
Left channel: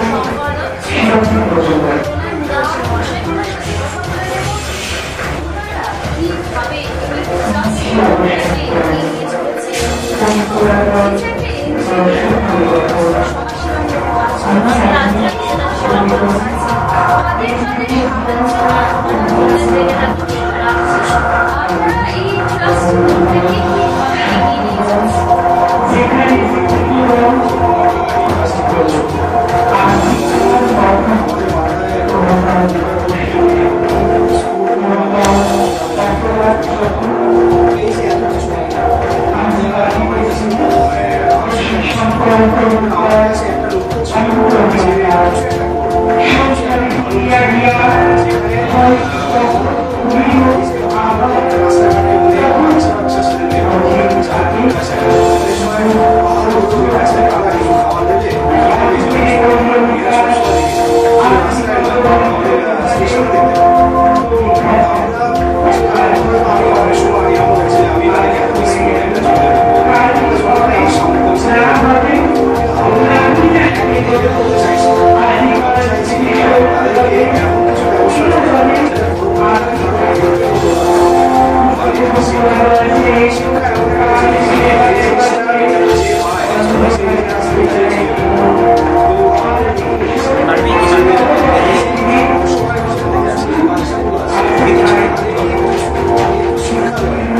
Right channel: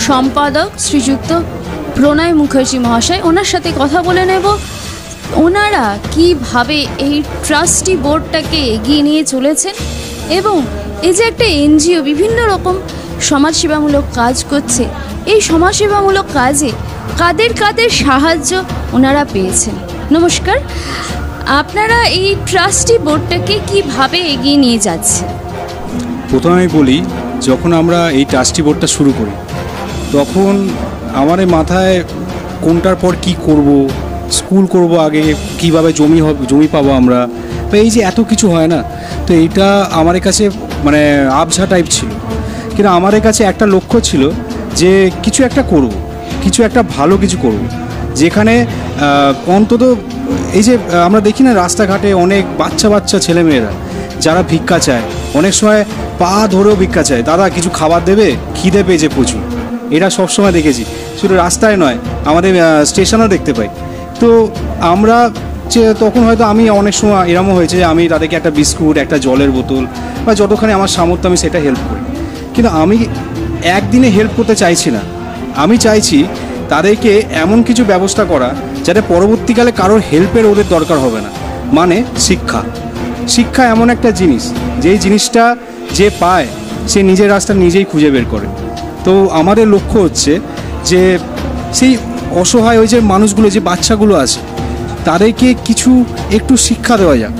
সম্পাদক শ্রীযুক্ত প্রণয় মুখার্জি মহাশয়, ওনার সাথে কথা বলে নেব, ওনারা কীভাবে এই ট্রাস্টি বোর্ডটাকে এগিয়ে নিয়ে চলেছে, এবং এই যে একটা এনজিও বিভিন্ন রকম সমাজসেবামূলক কাজ করছে, এই সমাজসেবামূলক কাজে কাদের কাদের সাহায্য ওনারা পেয়েছে। নমস্কার, আপনারা এই ট্রাস্টি বোর্ডটাকে কীভাবে এগিয়ে নিয়ে যাচ্ছে? প্রথমে বলি, যখন আমরা এই ট্রাস্টি বোর্ডটা শুরু করি তখন আমার মাথায় কোনটার পর কী করব, স্কুল করব আগে, কীভাবে জমি পাবো আমরা, তো এই যে এত কিছু হয় না, তো এটা আমার কাছে মানে আবঝা টাইপ ছিল। কিন্তু আমার কাছে একটা লক্ষ্য ছিল যে কিছু একটা করব, কিছু একটা ভালো কিছু করব, যেখানে অন্তত এই যে আমরা দেখি না রাস্তাঘাটে অনেক বাচ্চা ছেলেমেয়েরা যারা ভিক্ষা চায়, অনেক সময় পা ধরেও ভিক্ষা চায়, দাদা কিছু খাবার দেবে, খিদে পেয়েছে প্রচুর, এটা সবসময় দেখেছি, শুধু রাস্তায় নয় আমাদের স্টেশনও দেখতে পাই। তো আমরা তখন হয়তো আমি অনেক সময় এরকম হয়েছে, আমি তাদেরকে একটা বিস্কুট, একটা জলের বোতল বা যতখানি আমার সামর্থ্য আমি সেটা দেবো, কিন্তু আমি একদিনে হেল্প করতে চাইছি না, আমি চাইছি তাদেরকে এমন কিছু ব্যবস্থা করা যাতে পরবর্তীকালে কারোর হেল্পের ওদের দরকার হবে। মানে শিক্ষা এমন একটা জিনিস, যে জিনিসটা যে পায় সে নিজের রাস্তা নিজেই খুঁজে বের করে। তো আমাদের লক্ষ্য হচ্ছে যে সেই অসহায় ওই যে মানুষগুলো, যে বাচ্চাগুলো আছে, তাদেরকে কিছু একটু শিক্ষা দেওয়া যায়।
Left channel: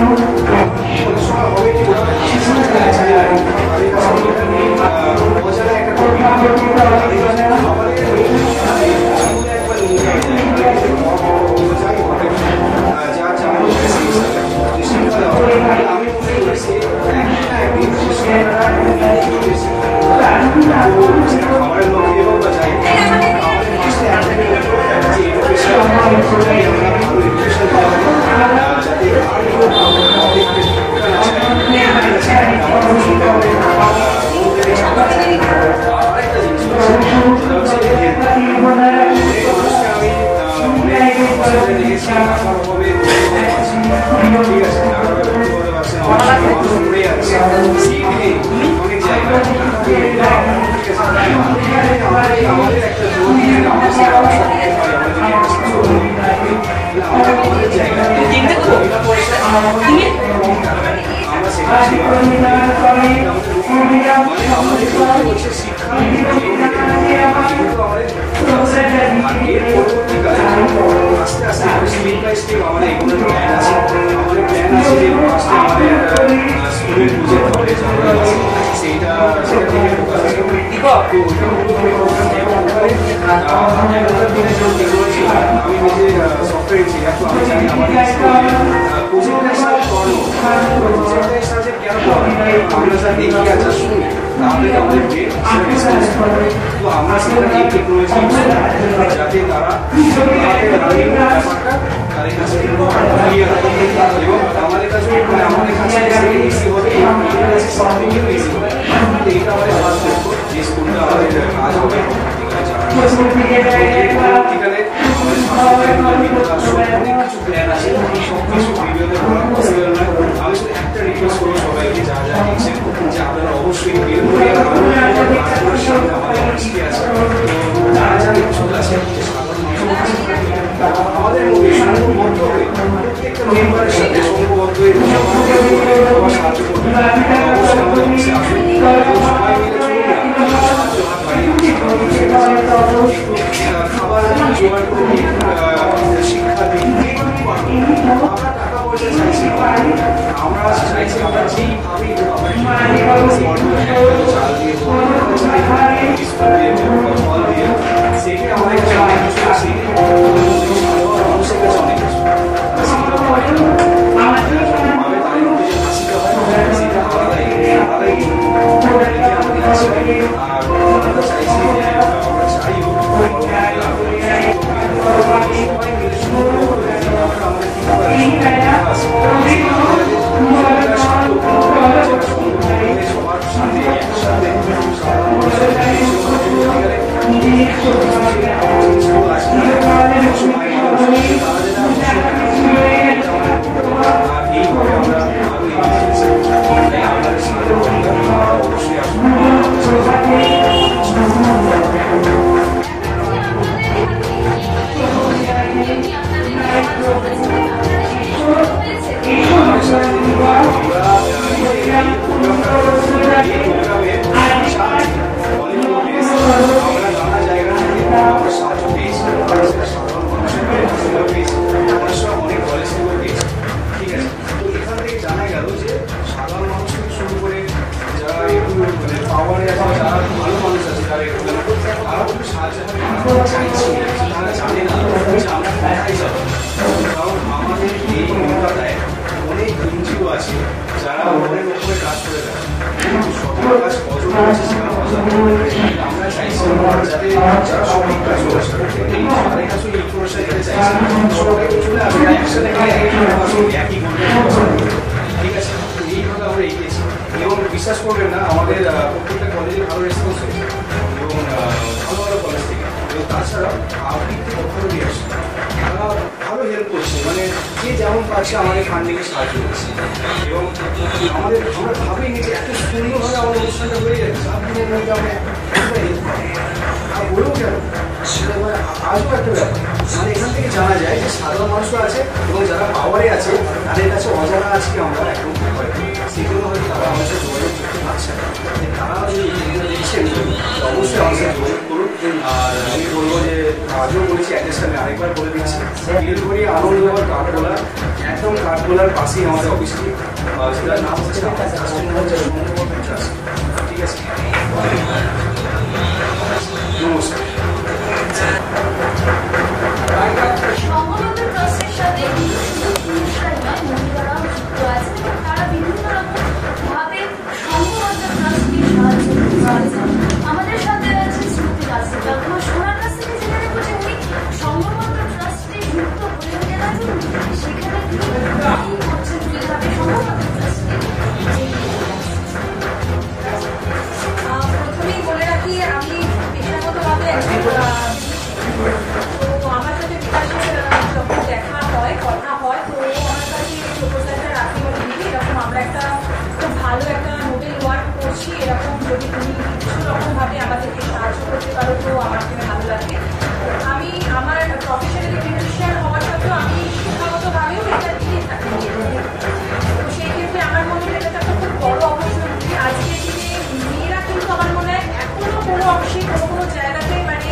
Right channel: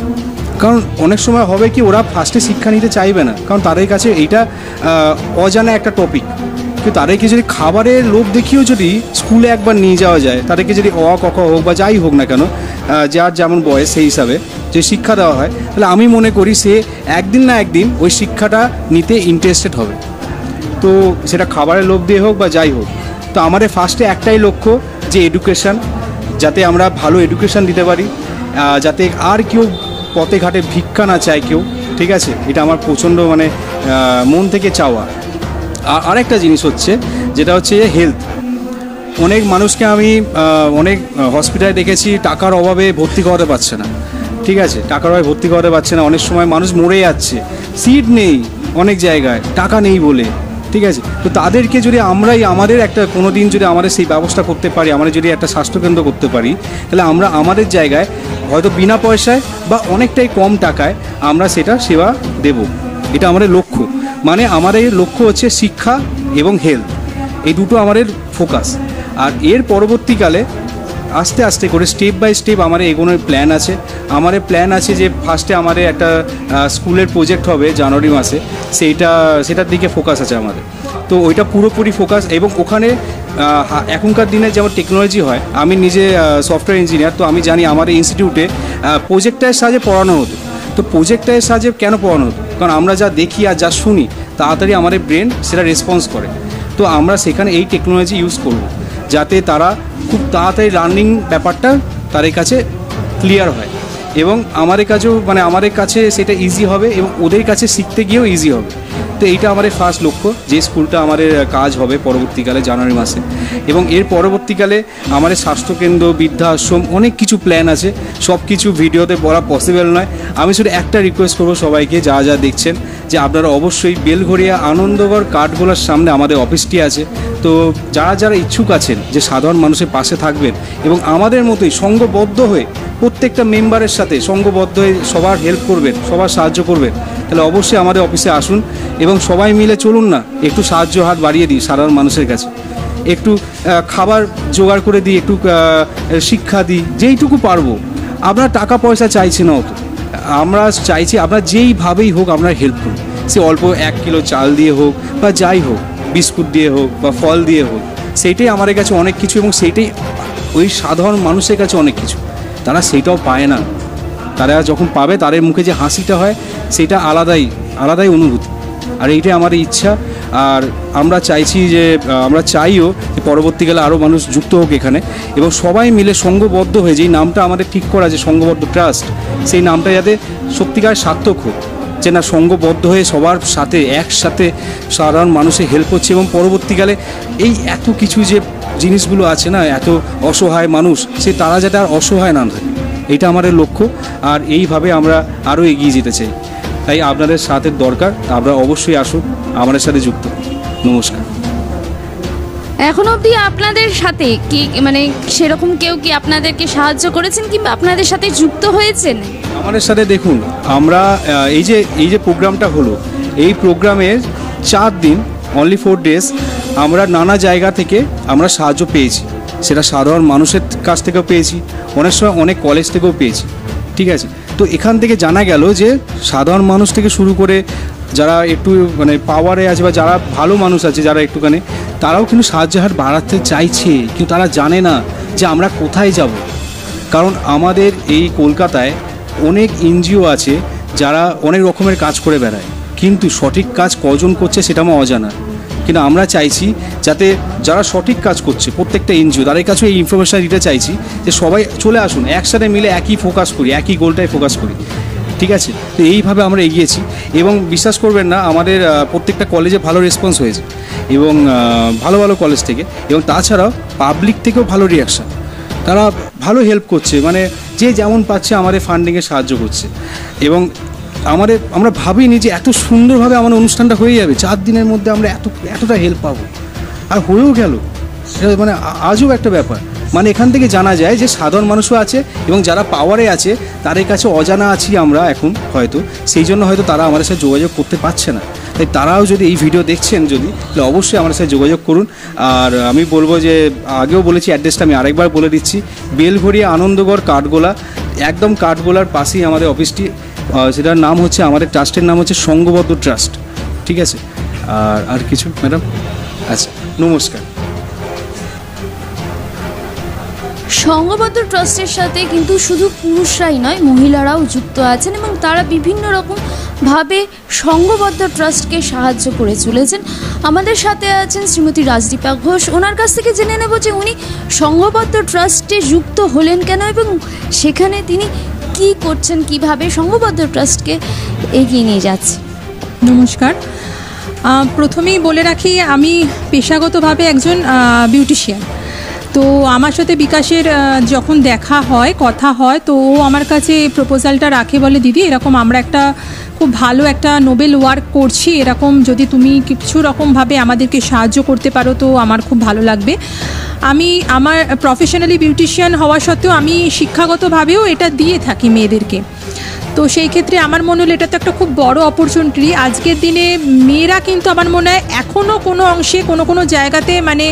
কারণ অনেক সময় হবে কি, ওরা ফার্স্টে শিক্ষা নিতে চাইবে না, কারণ তাদের কাছে এটা অজানা একটা টপিক। তো তাদেরকে যদি খাবারের লোভ দেখিয়েও যদি স্কুলে একবার নিয়ে যাওয়া যায়, তাদেরকে যদি ক খ হোক বা যাই হোক না কেন, যার যেমন বয়স সেই হিসাবে যে শিক্ষা দেওয়া হয়, তাহলে আমি মনে করি সে একদিন না একদিন ওই শিক্ষাটা নিতে ইন্টারেস্টেড হবে। তো সেটা খাবারের লোভ দিয়ে হোক বা যাই হোক, তো আমাদের ফার্স্টে একটাই লক্ষ্য যে এডুকেশান, যাতে আমরা ভালো এডুকেশান দিতে পারি, যাতে আর কেউ পথে ঘাটে ভিক্ষা না চায় কেউ, ঠিক আছে, এটা আমার প্রচণ্ড মানে মন থেকে চাওয়া। আর আরেকটা জিনিস হচ্ছে, যেটা হচ্ছে হেলথ। অনেক মানুষকে আমি অনেক হসপিটালে দেখেছি টাকার অভাবে ভর্তি করাতে পারছে না, ঠিক আছে, টাকার অভাবে ভর্তি করাতে পারছে না, অনেক সময় মানুষ মরে যাচ্ছে, সিট নেই অনেক জায়গায়, টাকা নেই বলে, ঠিক আছে। তো তাদেরকে যদি আমরাই আমাদের একটা কোনো দিন যদি আমাদের সেই ব্যবস্থা করতে পারি, আমরা যদি একটা স্বাস্থ্যকেন্দ্র করতে পারি, তাহলে আমরা আমাদের জায়গায় হয়তো বিনা পয়সায় বা অনেকটাই কম টাকায় আমরা সেটা সেবা দেব। এটা আমাদের লক্ষ্য, মানে আমাদের লক্ষ্য হচ্ছে শিক্ষা এবং হেলথ, এই দুটো আমাদের ফোকাস। আর এর পরবর্তীকালে আস্তে আস্তে করে স্টেপ বাই স্টেপ আমাদের এগোনোর প্ল্যান আছে। আমাদের প্ল্যান আছে যে ফার্স্টে আমাদের একটা স্কুলের প্রজেক্ট হবে জানুয়ারি মাসে, সেটার দিকে ফোকাস আছে আমার। তো ওইটা পুরোপুরি ফোকাস, এবং ওখানে এখনকার দিনে যেমন টেকনোলজি হয়, আমি নিজে সফটওয়্যার ইঞ্জিনিয়ার, তো আমি জানি আমার ইনস্টিটিউটে প্রজেক্টের সাহায্যে পড়ানো হোক। তো প্রজেক্টের সাহায্যে কেন পড়ানো? কারণ আমরা যা দেখি আর যা শুনি তাড়াতাড়ি আমাদের ব্রেন সেটা রেসপন্স করে। তো আমরা সেখানে এই টেকনোলজি ইউজ করি যাতে তারা তাড়াতাড়ি লার্নিং ব্যাপারটা তাদের কাছে ক্লিয়ার হয়। এবং আমাদের কাছেও মানে আমাদের কাছে সেটা ইজি হবে, ওদের কাছে শিখতে গিয়েও ইজি হবে। তো এইটা আমাদের ফার্স্ট লক্ষ্য, যে স্কুলটা আমাদের কাজ হবে পরবর্তীকালে জানুয়ারি মাসে। এবং এর পরবর্তীকালে আমাদের স্বাস্থ্যকেন্দ্র, বৃদ্ধাশ্রম, অনেক কিছু প্ল্যান আছে, সব কিছু ভিডিওতে বলা পসিবল নয়। আমি শুধু একটা রিকোয়েস্ট করবো সবাইকে, যা যা দেখছেন, যে আপনারা অবশ্যই বেলঘরিয়া আনন্দগড় কাঠগোলার সামনে আমাদের অফিসটি আছে। তো যারা যারা ইচ্ছুক আছে যে সাধারণ মানুষের পাশে থাকবেন এবং আমাদের মতোই সঙ্গবদ্ধ হয়ে প্রত্যেকটা মেম্বারের সাথে সঙ্গবদ্ধ হয়ে সবার হেল্প করবেন, সবার সাহায্য করবেন, তাহলে অবশ্যই আমাদের অফিসে আসুন এবং সবাই মিলে চলুন না, একটু সাহায্য হাত বাড়িয়ে দিই সাধারণ মানুষের কাছে, একটু খাবার জোগাড় করে দিই, একটু শিক্ষা দিই, যেইটুকু পারবো। আমরা টাকা পয়সা চাইছি না, আমরা চাইছি আমরা যেইভাবেই হোক আমরা হেল্প করি, সে অল্প 1 কিলো চাল দিয়ে হোক বা যাই হোক, বিস্কুট দিয়ে হোক বা ফল দিয়ে হোক, সেইটাই আমাদের কাছে অনেক কিছু। এবং সেইটাই ওই সাধারণ মানুষের কাছে অনেক কিছু, তারা সেইটাও পায় না। তারা যখন পাবে তাদের মুখে যে হাসিটা হয় সেটা আলাদাই অনুভূতি। আর এইটাই আমাদের ইচ্ছা। আর আমরা চাইছি যে আমরা চাইও পরবর্তীকালে আরও মানুষ যুক্ত হোক এখানে, এবং সবাই মিলে সঙ্গবদ্ধ হয়ে যেই নামটা আমাদের ঠিক করা যে সঙ্গবদ্ধ ট্রাস্ট, সেই নামটা যাতে সত্যিকার সার্থক হয়, যে না সঙ্গবদ্ধ হয়ে সবার সাথে একসাথে সাধারণ মানুষের হেল্প হচ্ছে। এবং পরবর্তীকালে এই এত কিছু যে জিনিসগুলো আছে না, এত অসহায় মানুষ, সে তারা যাতে আর অসহায় না, এটা আমাদের লক্ষ্য। আর এইভাবে আমরা আরও এগিয়ে যেতে চাই। তাই আপনাদের সাথে দরকার, আপনারা অবশ্যই আসুন, আমাদের সাথে যুক্ত। নমস্কার। এখন অবধি আপনাদের সাথে কি মানে সেরকম কেউ কি আপনাদেরকে সাহায্য করেছেন কি আপনাদের সাথে যুক্ত হয়েছেন? আমাদের সাথে দেখুন, আমরা এই যে প্রোগ্রামটা হলো, এই প্রোগ্রামের 4 দিন, অনলি 4 ডেজ, আমরা নানা জায়গা থেকে আমরা সাহায্য পেয়েছি। সেটা সাধারণ মানুষের কাছ থেকেও পেয়েছি, অনেক সময় অনেক কলেজ থেকেও পেয়েছি। ঠিক আছে, তো এখান থেকে জানা গেল যে সাধারণ মানুষ থেকে শুরু করে যারা একটু মানে পাওয়ারে আছে বা যারা ভালো মানুষ আছে, যারা একটুখানি, তারাও কিন্তু সাহায্যের হাত বাড়াতে চাইছে, কিন্তু তারা জানে না যে আমরা কোথায় যাব। কারণ আমাদের এই কলকাতায় অনেক এনজিও আছে যারা অনেক রকমের কাজ করে বেড়ায়, কিন্তু সঠিক কাজ কজন করছে সেটা আমার অজানা। কিন্তু আমরা চাইছি যাতে যারা সঠিক কাজ করছে প্রত্যেকটা এনজিও, তাদের কাছেও এই ইনফরমেশন দিতে চাইছি যে সবাই চলে আসুন, একসাথে মিলে একই ফোকাস করি, একই গোলটায় ফোকাস করি। ঠিক আছে, তো এইভাবে আমরা এগিয়েছি। এবং বিশ্বাস করবেন না, আমাদের প্রত্যেকটা কলেজে ভালো রেসপন্স হয়েছে, এবং ভালো ভালো কলেজ থেকে, এবং তাছাড়াও পাবলিক থেকেও ভালো রিয়াকশান। তারা ভালো হেল্প করছে, মানে যে যেমন পাচ্ছে আমাদের ফান্ডিংয়ে সাহায্য করছে। এবং আমরা ভাবিনি যে এত সুন্দরভাবে আমার অনুষ্ঠানটা হয়ে যাবে, 4 দিনের মধ্যে আমরা এতটা হেল্প পাবো, আর হয়েও গেল। সেটা মানে আজও একটা ব্যাপার। মানে এখান থেকে জানা যায় যে সাধারণ মানুষও আছে, এবং যারা পাওয়ারে আছে তাদের কাছে অজানা আছি আমরা এখন হয়তো, সেই জন্য হয়তো তারা আমাদের সাথে যোগাযোগ করতে পারছে না। তাই তারাও যদি এই ভিডিও দেখছেন যদি, তাহলে অবশ্যই আমার সাথে যোগাযোগ করুন। আর আমি বলবো যে আগেও বলেছি, অ্যাড্রেসটা আমি আরেকবার বলে দিচ্ছি, বেলঘরিয়া আনন্দগড় কাঠগোলা, একদম কাঠগোলার পাশেই আমাদের অফিসটি। সেটার নাম হচ্ছে, আমাদের ট্রাস্টের নাম হচ্ছে সঙ্গবদ্ধ ট্রাস্ট। ঠিক আছে, আর কিছু ম্যাডাম? আচ্ছা, নমস্কার। সঙ্গবদ্ধ ট্রাস্টের সাথে কিন্তু শুধু পুরুষরাই নয়, মহিলারাও যুক্ত আছেন, এবং তারা বিভিন্ন রকমভাবে সঙ্গবদ্ধ ট্রাস্টকে সাহায্য করে চলেছেন। আমাদের সাথে আছেন শ্রীমতী রাজদীপা ঘোষ। ওনার কাছ থেকে জেনে নেব যে উনি সঙ্গবদ্ধ ট্রাস্টে যুক্ত হলেন কেন, এবং সেখানে তিনি কি করছেন, কিভাবে সঙ্গবদ্ধ ট্রাস্টকে এগিয়ে নিয়ে যাচ্ছেন। নমস্কার। প্রথমেই বলে রাখি, আমি পেশাগতভাবে একজন বিউটিশিয়ান। তো আমার সাথে বিকাশের যখন দেখা হয়, কথা হয়, তো ও আমার কাছে প্রপোজালটা রাখে, বলে দিদি এরকম আমরা একটা খুব ভালো একটা নোবেল ওয়ার্ক করছি, এরকম যদি তুমি কিছু রকমভাবে আমাদেরকে সাহায্য করতে পারো তো আমার খুব ভালো লাগবে। আমার প্রফেশনালি বিউটিশিয়ান হওয়া সত্ত্বেও আমি শিক্ষাগতভাবেও এটা দিয়ে থাকি মেয়েদেরকে। তো সেই ক্ষেত্রে আমার মনে হলো এটা তো একটা খুব বড় অপরচুনিটি। আজকের দিনে মেয়েরা কিন্তু আমার মনে হয় এখনও কোনো অংশে কোনো জায়গাতে মানে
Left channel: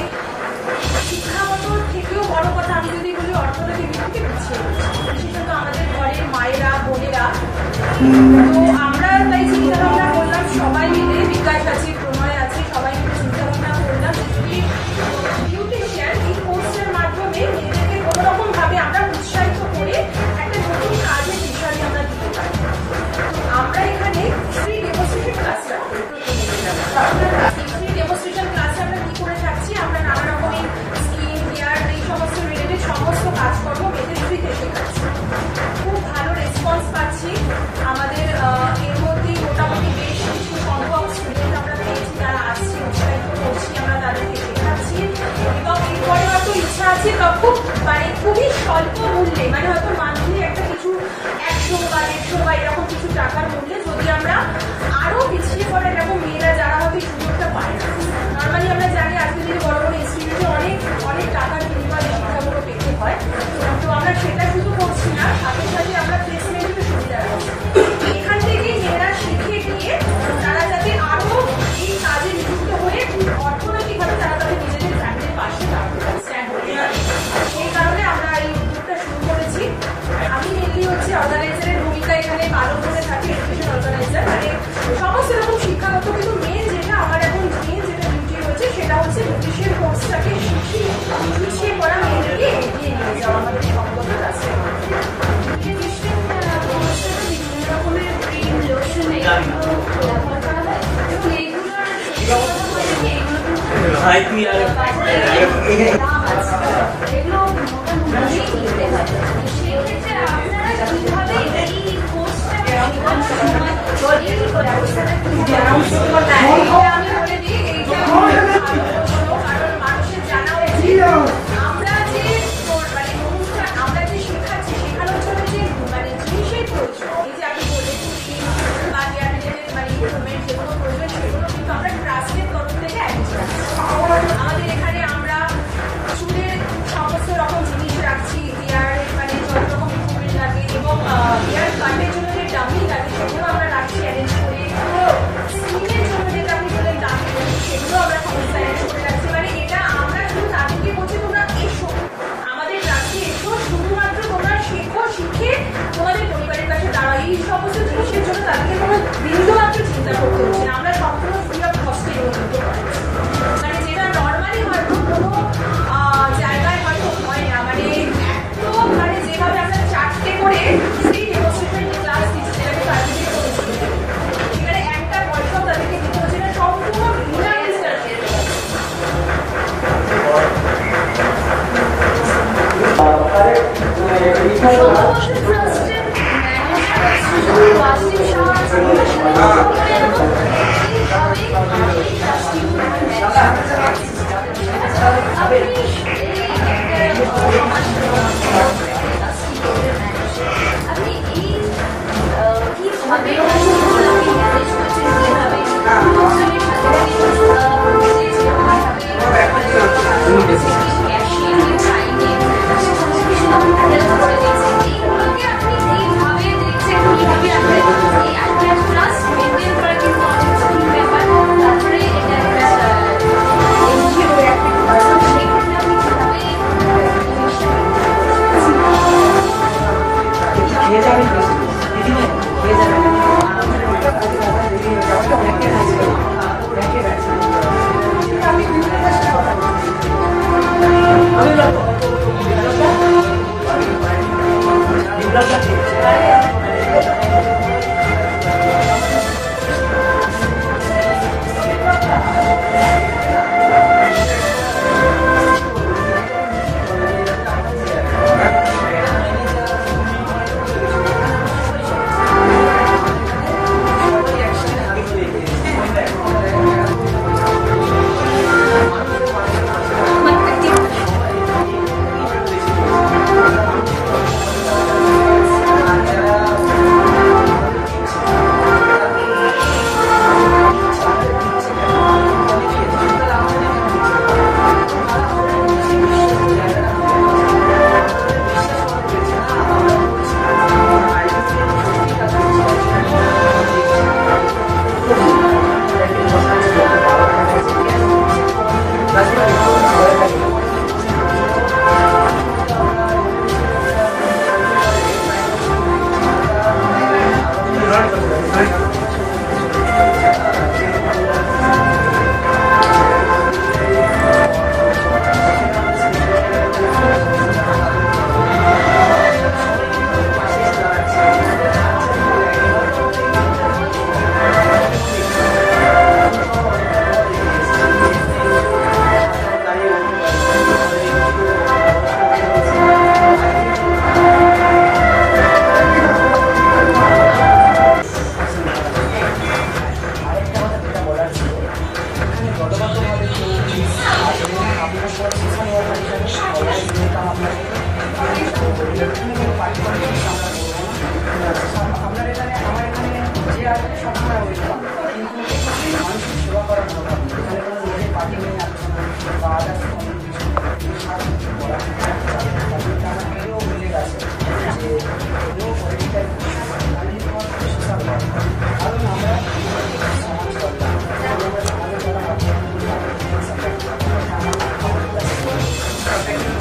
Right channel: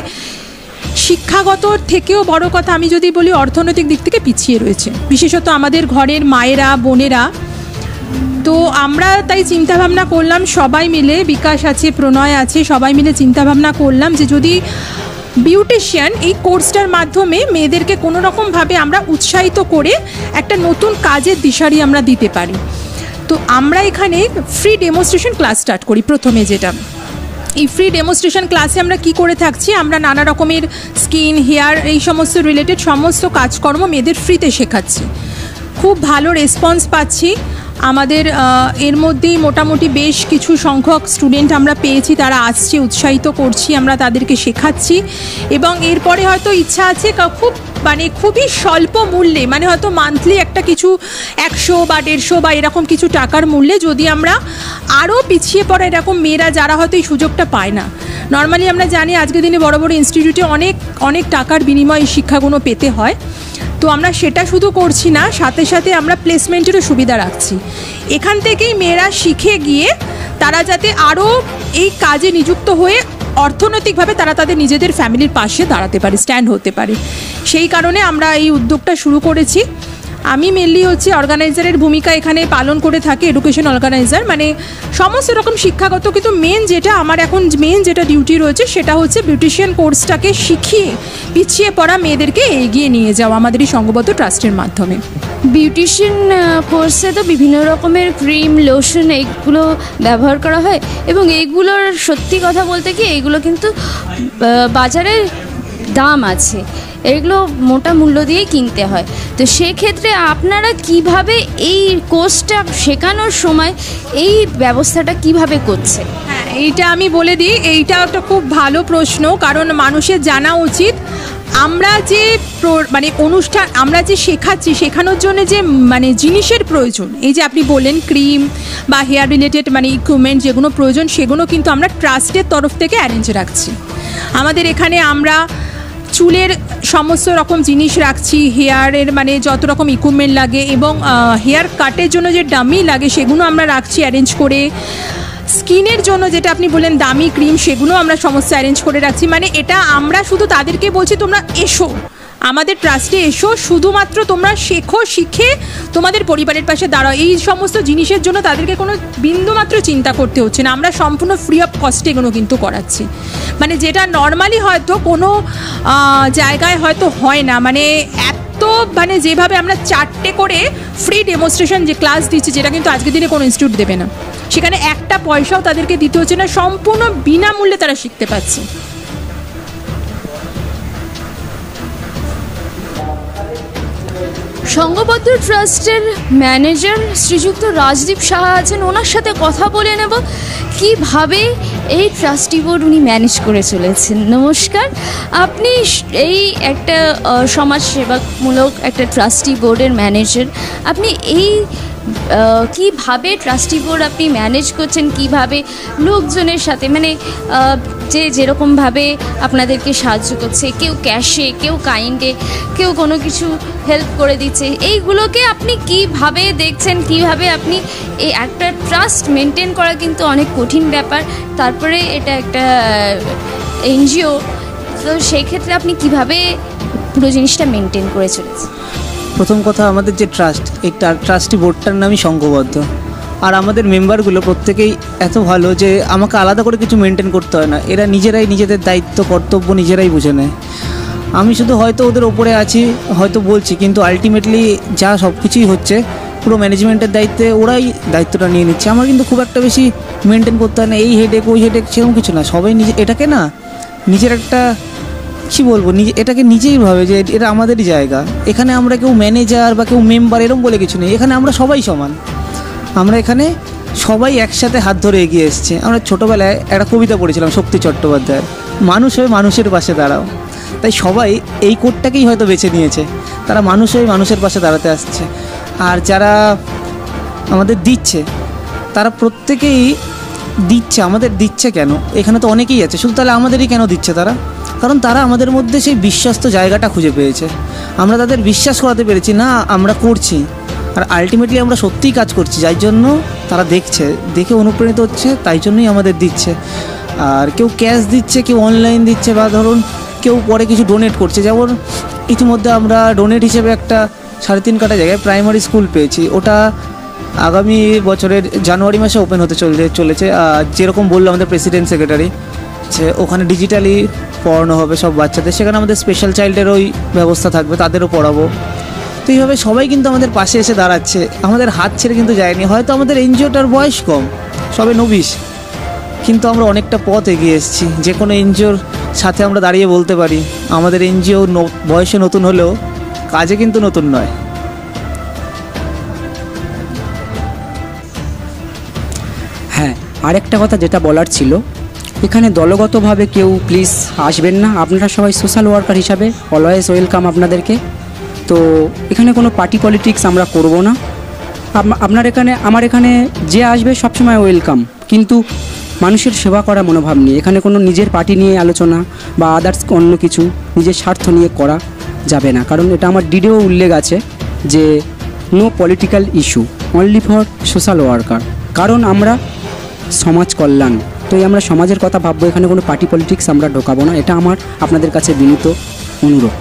শিক্ষাগত থেকেও বড় কথা আমি যদি বলি অর্থনৈতিক দিক থেকে পিছিয়ে রয়েছে, বিশেষত আমাদের ঘরের মায়েরা, বোনেরা। তো আমরা তাই চিন্তাভাবনা করলাম সবাই মিলে, বিকাশ আছে, প্রণয় আছে, সবাই মিলে চিন্তাভাবনা করলাম যে যদি বিউটিশিয়ান এই কোর্সটার মাধ্যমে মেয়েদেরকে কোনো রকমভাবে আমরা উৎসাহিত করে একটা নতুন কাজের দিশারি আমরা দিতে পারি। তো আমরা এখানে ফ্রি ডেমনস্ট্রেশন ক্লাস স্টার্ট করি। প্রথমে যেটা, এই ফ্রি ডেমনস্ট্রেশন ক্লাসে আমরা কি করে থাকছি, আমরা নানা রকমের স্কিন, হেয়ার, এই সমস্ত রিলেটেড সমস্ত কাজকর্ম মেয়েদের ফ্রিতে শেখাচ্ছি। খুব ভালো রেসপন্স পাচ্ছি। আমাদের এর মধ্যেই মোটামুটি বেশ কিছু সংখ্যক স্টুডেন্ট আমরা পেয়েছি, তারা আসছে, উৎসাহিত করছি, আমরা তাদেরকে শেখাচ্ছি এবং এরপরে হয়তো ইচ্ছা আছে খুবই স্বল্প মূল্যে, মানে হয়তো মান্থলি একটা কিছু 100 বা 150 বা এরকম কিছু টাকার মূল্যে যদি আমরা আরও পিছিয়ে পড়া এরকম মেয়েরা যারা হয়তো এই সুযোগটা পায় না। নর্মালি আমরা জানি আজকের দিনে বড় বড় ইনস্টিটিউটে অনেক টাকার বিনিময়ে শিক্ষাগুলো পেতে হয়, তো আমরা সেটা শুধু করছি না, সাথে সাথে আমরা প্লেসমেন্টেরও সুবিধা রাখছি। এখান থেকেই মেয়েরা শিখে গিয়ে তারা যাতে আরও এই কাজে নিযুক্ত হয়ে অর্থনৈতিকভাবে তারা তাদের নিজেদের ফ্যামিলির পাশে দাঁড়াতে পারে, স্ট্যান্ড হতে পারে। সেই কারণে আমরা এই উদ্যোগটা শুরু করেছি। আমি মেনলি অর্গানাইজারের ভূমিকা এখানে পালন করে থাকি, এডুকেশন অর্গানাইজার, মানে সমস্ত রকম শিক্ষাগত, কিন্তু আমার এখন মেন যেটা ডিউটি রয়েছে সেটা হচ্ছে বিউটিশিয়ান কোর্সটাকে শিখিয়ে পিছিয়ে পড়া মেয়েদেরকে এগিয়ে নিয়ে যাওয়া আমাদের এই সংঘবদ্ধ ট্রাস্টের মাধ্যমে। বিউটিশিয়ান কোর্সে তো বিভিন্ন রকমের ক্রিম, লোশন এইগুলো ব্যবহার করা হয় এবং এইগুলোর সত্যি কথা বলতে কি এইগুলো কিন্তু বাজারে দাম আছে, এগুলো মোটা মূল্য দিয়ে কিনতে হয়। তো সেক্ষেত্রে আপনারা কিভাবে এই কোর্সটা শেখানোর সময় এই ব্যবস্থাটা কিভাবে করছে? এইটা আমি বলে দিই, এইটা একটা খুব ভালো প্রশ্ন, কারণ মানুষের জানা উচিত আমরা যে অনুষ্ঠান আমরা যে শেখানোর জন্য যে জিনিসের প্রয়োজন, এই যে আপনি বললেন ক্রিম বা হেয়ার রিলেটেড ইকুইপমেন্ট যেগুলো প্রয়োজন, সেগুলো কিন্তু আমরা ট্রাস্টের তরফ থেকে অ্যারেঞ্জ রাখছি। আমাদের এখানে আমরা চুলের সমস্ত রকম জিনিস রাখছি, হেয়ারের যত রকম ইকুইপমেন্ট লাগে এবং হেয়ার কাটের জন্য যে ডামি লাগে সেগুলো আমরা রাখছি অ্যারেঞ্জ করে। স্কিনের জন্য যেটা আপনি বললেন দামি ক্রিম, সেগুলো আমরা সমস্ত অ্যারেঞ্জ করে রাখছি। এটা আমরা শুধু তাদেরকে বলছি তোমরা এসো, আমাদের ট্রাস্টে এসো, শুধুমাত্র তোমরা শেখো, শিখে তোমাদের পরিবারের পাশে দাঁড়াও। এই সমস্ত জিনিসের জন্য তাদেরকে কোনো বিন্দুমাত্র চিন্তা করতে হচ্ছে না, আমরা সম্পূর্ণ ফ্রি অফ কস্টে এগুলো কিন্তু করাচ্ছি। যেটা নর্মালি হয়তো কোনো জায়গায় হয়তো হয় না, এত যেভাবে আমরা 4টে করে ফ্রি ডেমনস্ট্রেশন যে ক্লাস দিচ্ছি, যেটা কিন্তু আজকের দিনে কোনো ইনস্টিটিউট দেবে না, সেখানে একটা পয়সাও তাদেরকে দিতে হচ্ছে না, সম্পূর্ণ বিনামূল্যে তারা শিখতে পারছে। সংঘবদ্ধ ট্রাস্টের ম্যানেজার শ্রীযুক্ত রাজদীপ সাহা আছেন, ওনার সাথে কথা বলে নেব কিভাবে এই ট্রাস্টি বোর্ড উনি ম্যানেজ করে চলেছেন। নমস্কার, আপনি এই একটা সমাজসেবামূলক একটা ট্রাস্টি বোর্ডের ম্যানেজার, আপনি এই কিভাবে ট্রাস্টি বোর্ড আপনি ম্যানেজ করছেন, কিভাবে লোকজনের সাথে যেরকমভাবে আপনাদেরকে সাহায্য করছে, কেউ ক্যাশে, কেউ কাইন্ডে, কেউ কোনো কিছু হেল্প করে দিচ্ছে, এইগুলোকে আপনি কিভাবে দেখছেন, কিভাবে আপনি এই একটা ট্রাস্ট মেনটেন করা কিন্তু অনেক কঠিন ব্যাপার, তারপরে এটা একটা এনজিও, তো সেই ক্ষেত্রে আপনি কিভাবে পুরো জিনিসটা মেনটেন করে চলেছেন? প্রথম কথা, আমাদের যে ট্রাস্ট, এই ট্রাস্টি বোর্ডটার নামই সংঘবদ্ধ, আর আমাদের মেম্বারগুলো প্রত্যেকেই এত ভালো যে আমাকে আলাদা করে কিছু মেনটেন করতে হয় না, এরা নিজেরাই নিজেদের দায়িত্ব কর্তব্য নিজেরাই বুঝে নেয়। আমি শুধু হয়তো ওদের ওপরে আছি, হয়তো বলছি, কিন্তু আলটিমেটলি যা সব কিছুই হচ্ছে পুরো ম্যানেজমেন্টের দায়িত্বে ওরাই দায়িত্বটা নিয়ে নিচ্ছে। আমার কিন্তু খুব একটা বেশি মেনটেন করতে হয় না, এই হেডেক ওই হেডেক সেরকম কিছু না। সবাই এটাকে না নিজের একটা কী বলবো, এটাকে নিজেই ভাবে যে এটা আমাদেরই জায়গা, এখানে আমরা কেউ ম্যানেজার বা কেউ মেম্বার এরকম বলে কিছু নেই, এখানে আমরা সবাই সমান, আমরা এখানে সবাই একসাথে হাত ধরে এগিয়ে এসেছি। আমরা ছোটোবেলায় একটা কবিতা পড়েছিলাম শক্তি চট্টোপাধ্যায়, মানুষ হয়ে মানুষের পাশে দাঁড়াবে, তাই সবাই এই কোডটাকেই হয়তো বেছে নিয়েছে, তারা মানুষ হয়ে মানুষের পাশে দাঁড়াতে আসছে। আর যারা আমাদের দিচ্ছে তারা প্রত্যেকেই দিচ্ছে, আমাদের দিচ্ছে কেন, এখানে তো অনেকেই আছে, শুধু তাহলে আমাদেরই কেন দিচ্ছে তারা? কারণ তারা আমাদের মধ্যে সেই বিশ্বস্ত জায়গাটা খুঁজে পেয়েছে, আমরা তাদের বিশ্বাস করাতে পেরেছি না আমরা করছি, আর আলটিমেটলি আমরা সত্যিই কাজ করছি, যার জন্য তারা দেখছে, দেখে অনুপ্রাণিত হচ্ছে, তাই জন্যই আমাদের দিচ্ছে। আর কেউ ক্যাশ দিচ্ছে, কেউ অনলাইন দিচ্ছে, বা ধরুন কেউ পরে কিছু ডোনেট করছে। যেমন ইতিমধ্যে আমরা ডোনেট হিসেবে একটা 3.5 কাঠা জায়গায় প্রাইমারি স্কুল পেয়েছি, ওটা আগামী বছরের জানুয়ারি মাসে ওপেন হতে চলেছে। যেরকম বললো আমাদের প্রেসিডেন্ট সেক্রেটারি, যে ওখানে ডিজিটালি পড়ানো হবে সব বাচ্চাদের, সেখানে আমাদের স্পেশাল চাইল্ডের ওই ব্যবস্থা থাকবে, তাদেরও পড়াবো। তো এইভাবে সবাই কিন্তু আমাদের পাশে এসে দাঁড়াচ্ছে, আমাদের হাত ছেড়ে কিন্তু যায়নি। হয়তো আমাদের এনজিওটার বয়স কম, সবে 29, কিন্তু আমরা অনেকটা পথ এগিয়ে এসেছি। যে কোনো এনজিওর সাথে আমরা দাঁড়িয়ে বলতে পারি আমাদের এনজিও বয়সে নতুন হলেও কাজে কিন্তু নতুন নয়। আরেকটা কথা যেটা বলার ছিল, এখানে দলগতভাবে কেউ প্লিজ আসবেন না। আপনারা সবাই সোশ্যাল ওয়ার্কার হিসাবে অলওয়েজ ওয়েলকাম আপনাদেরকে। তো এখানে কোনো পার্টি পলিটিক্স আমরা করব না। আমার এখানে যে আসবে সবসময় ওয়েলকাম, কিন্তু মানুষের সেবা করা মনোভাব নিয়ে। এখানে কোনো নিজের পার্টি নিয়ে আলোচনা বা আদার্স অন্য কিছু নিজের স্বার্থ নিয়ে করা যাবে না, কারণ এটা আমার ডিডেও উল্লেখ আছে যে no political issue, only for social worker. কারণ আমরা সমাজ কল্যাণ, তো আমরা সমাজের কথা ভাববো, এখানে কোনো পার্টি পলিটিক্স আমরা ঢোকাবো না। এটা আমার আপনাদের কাছে বিনীত অনুরোধ।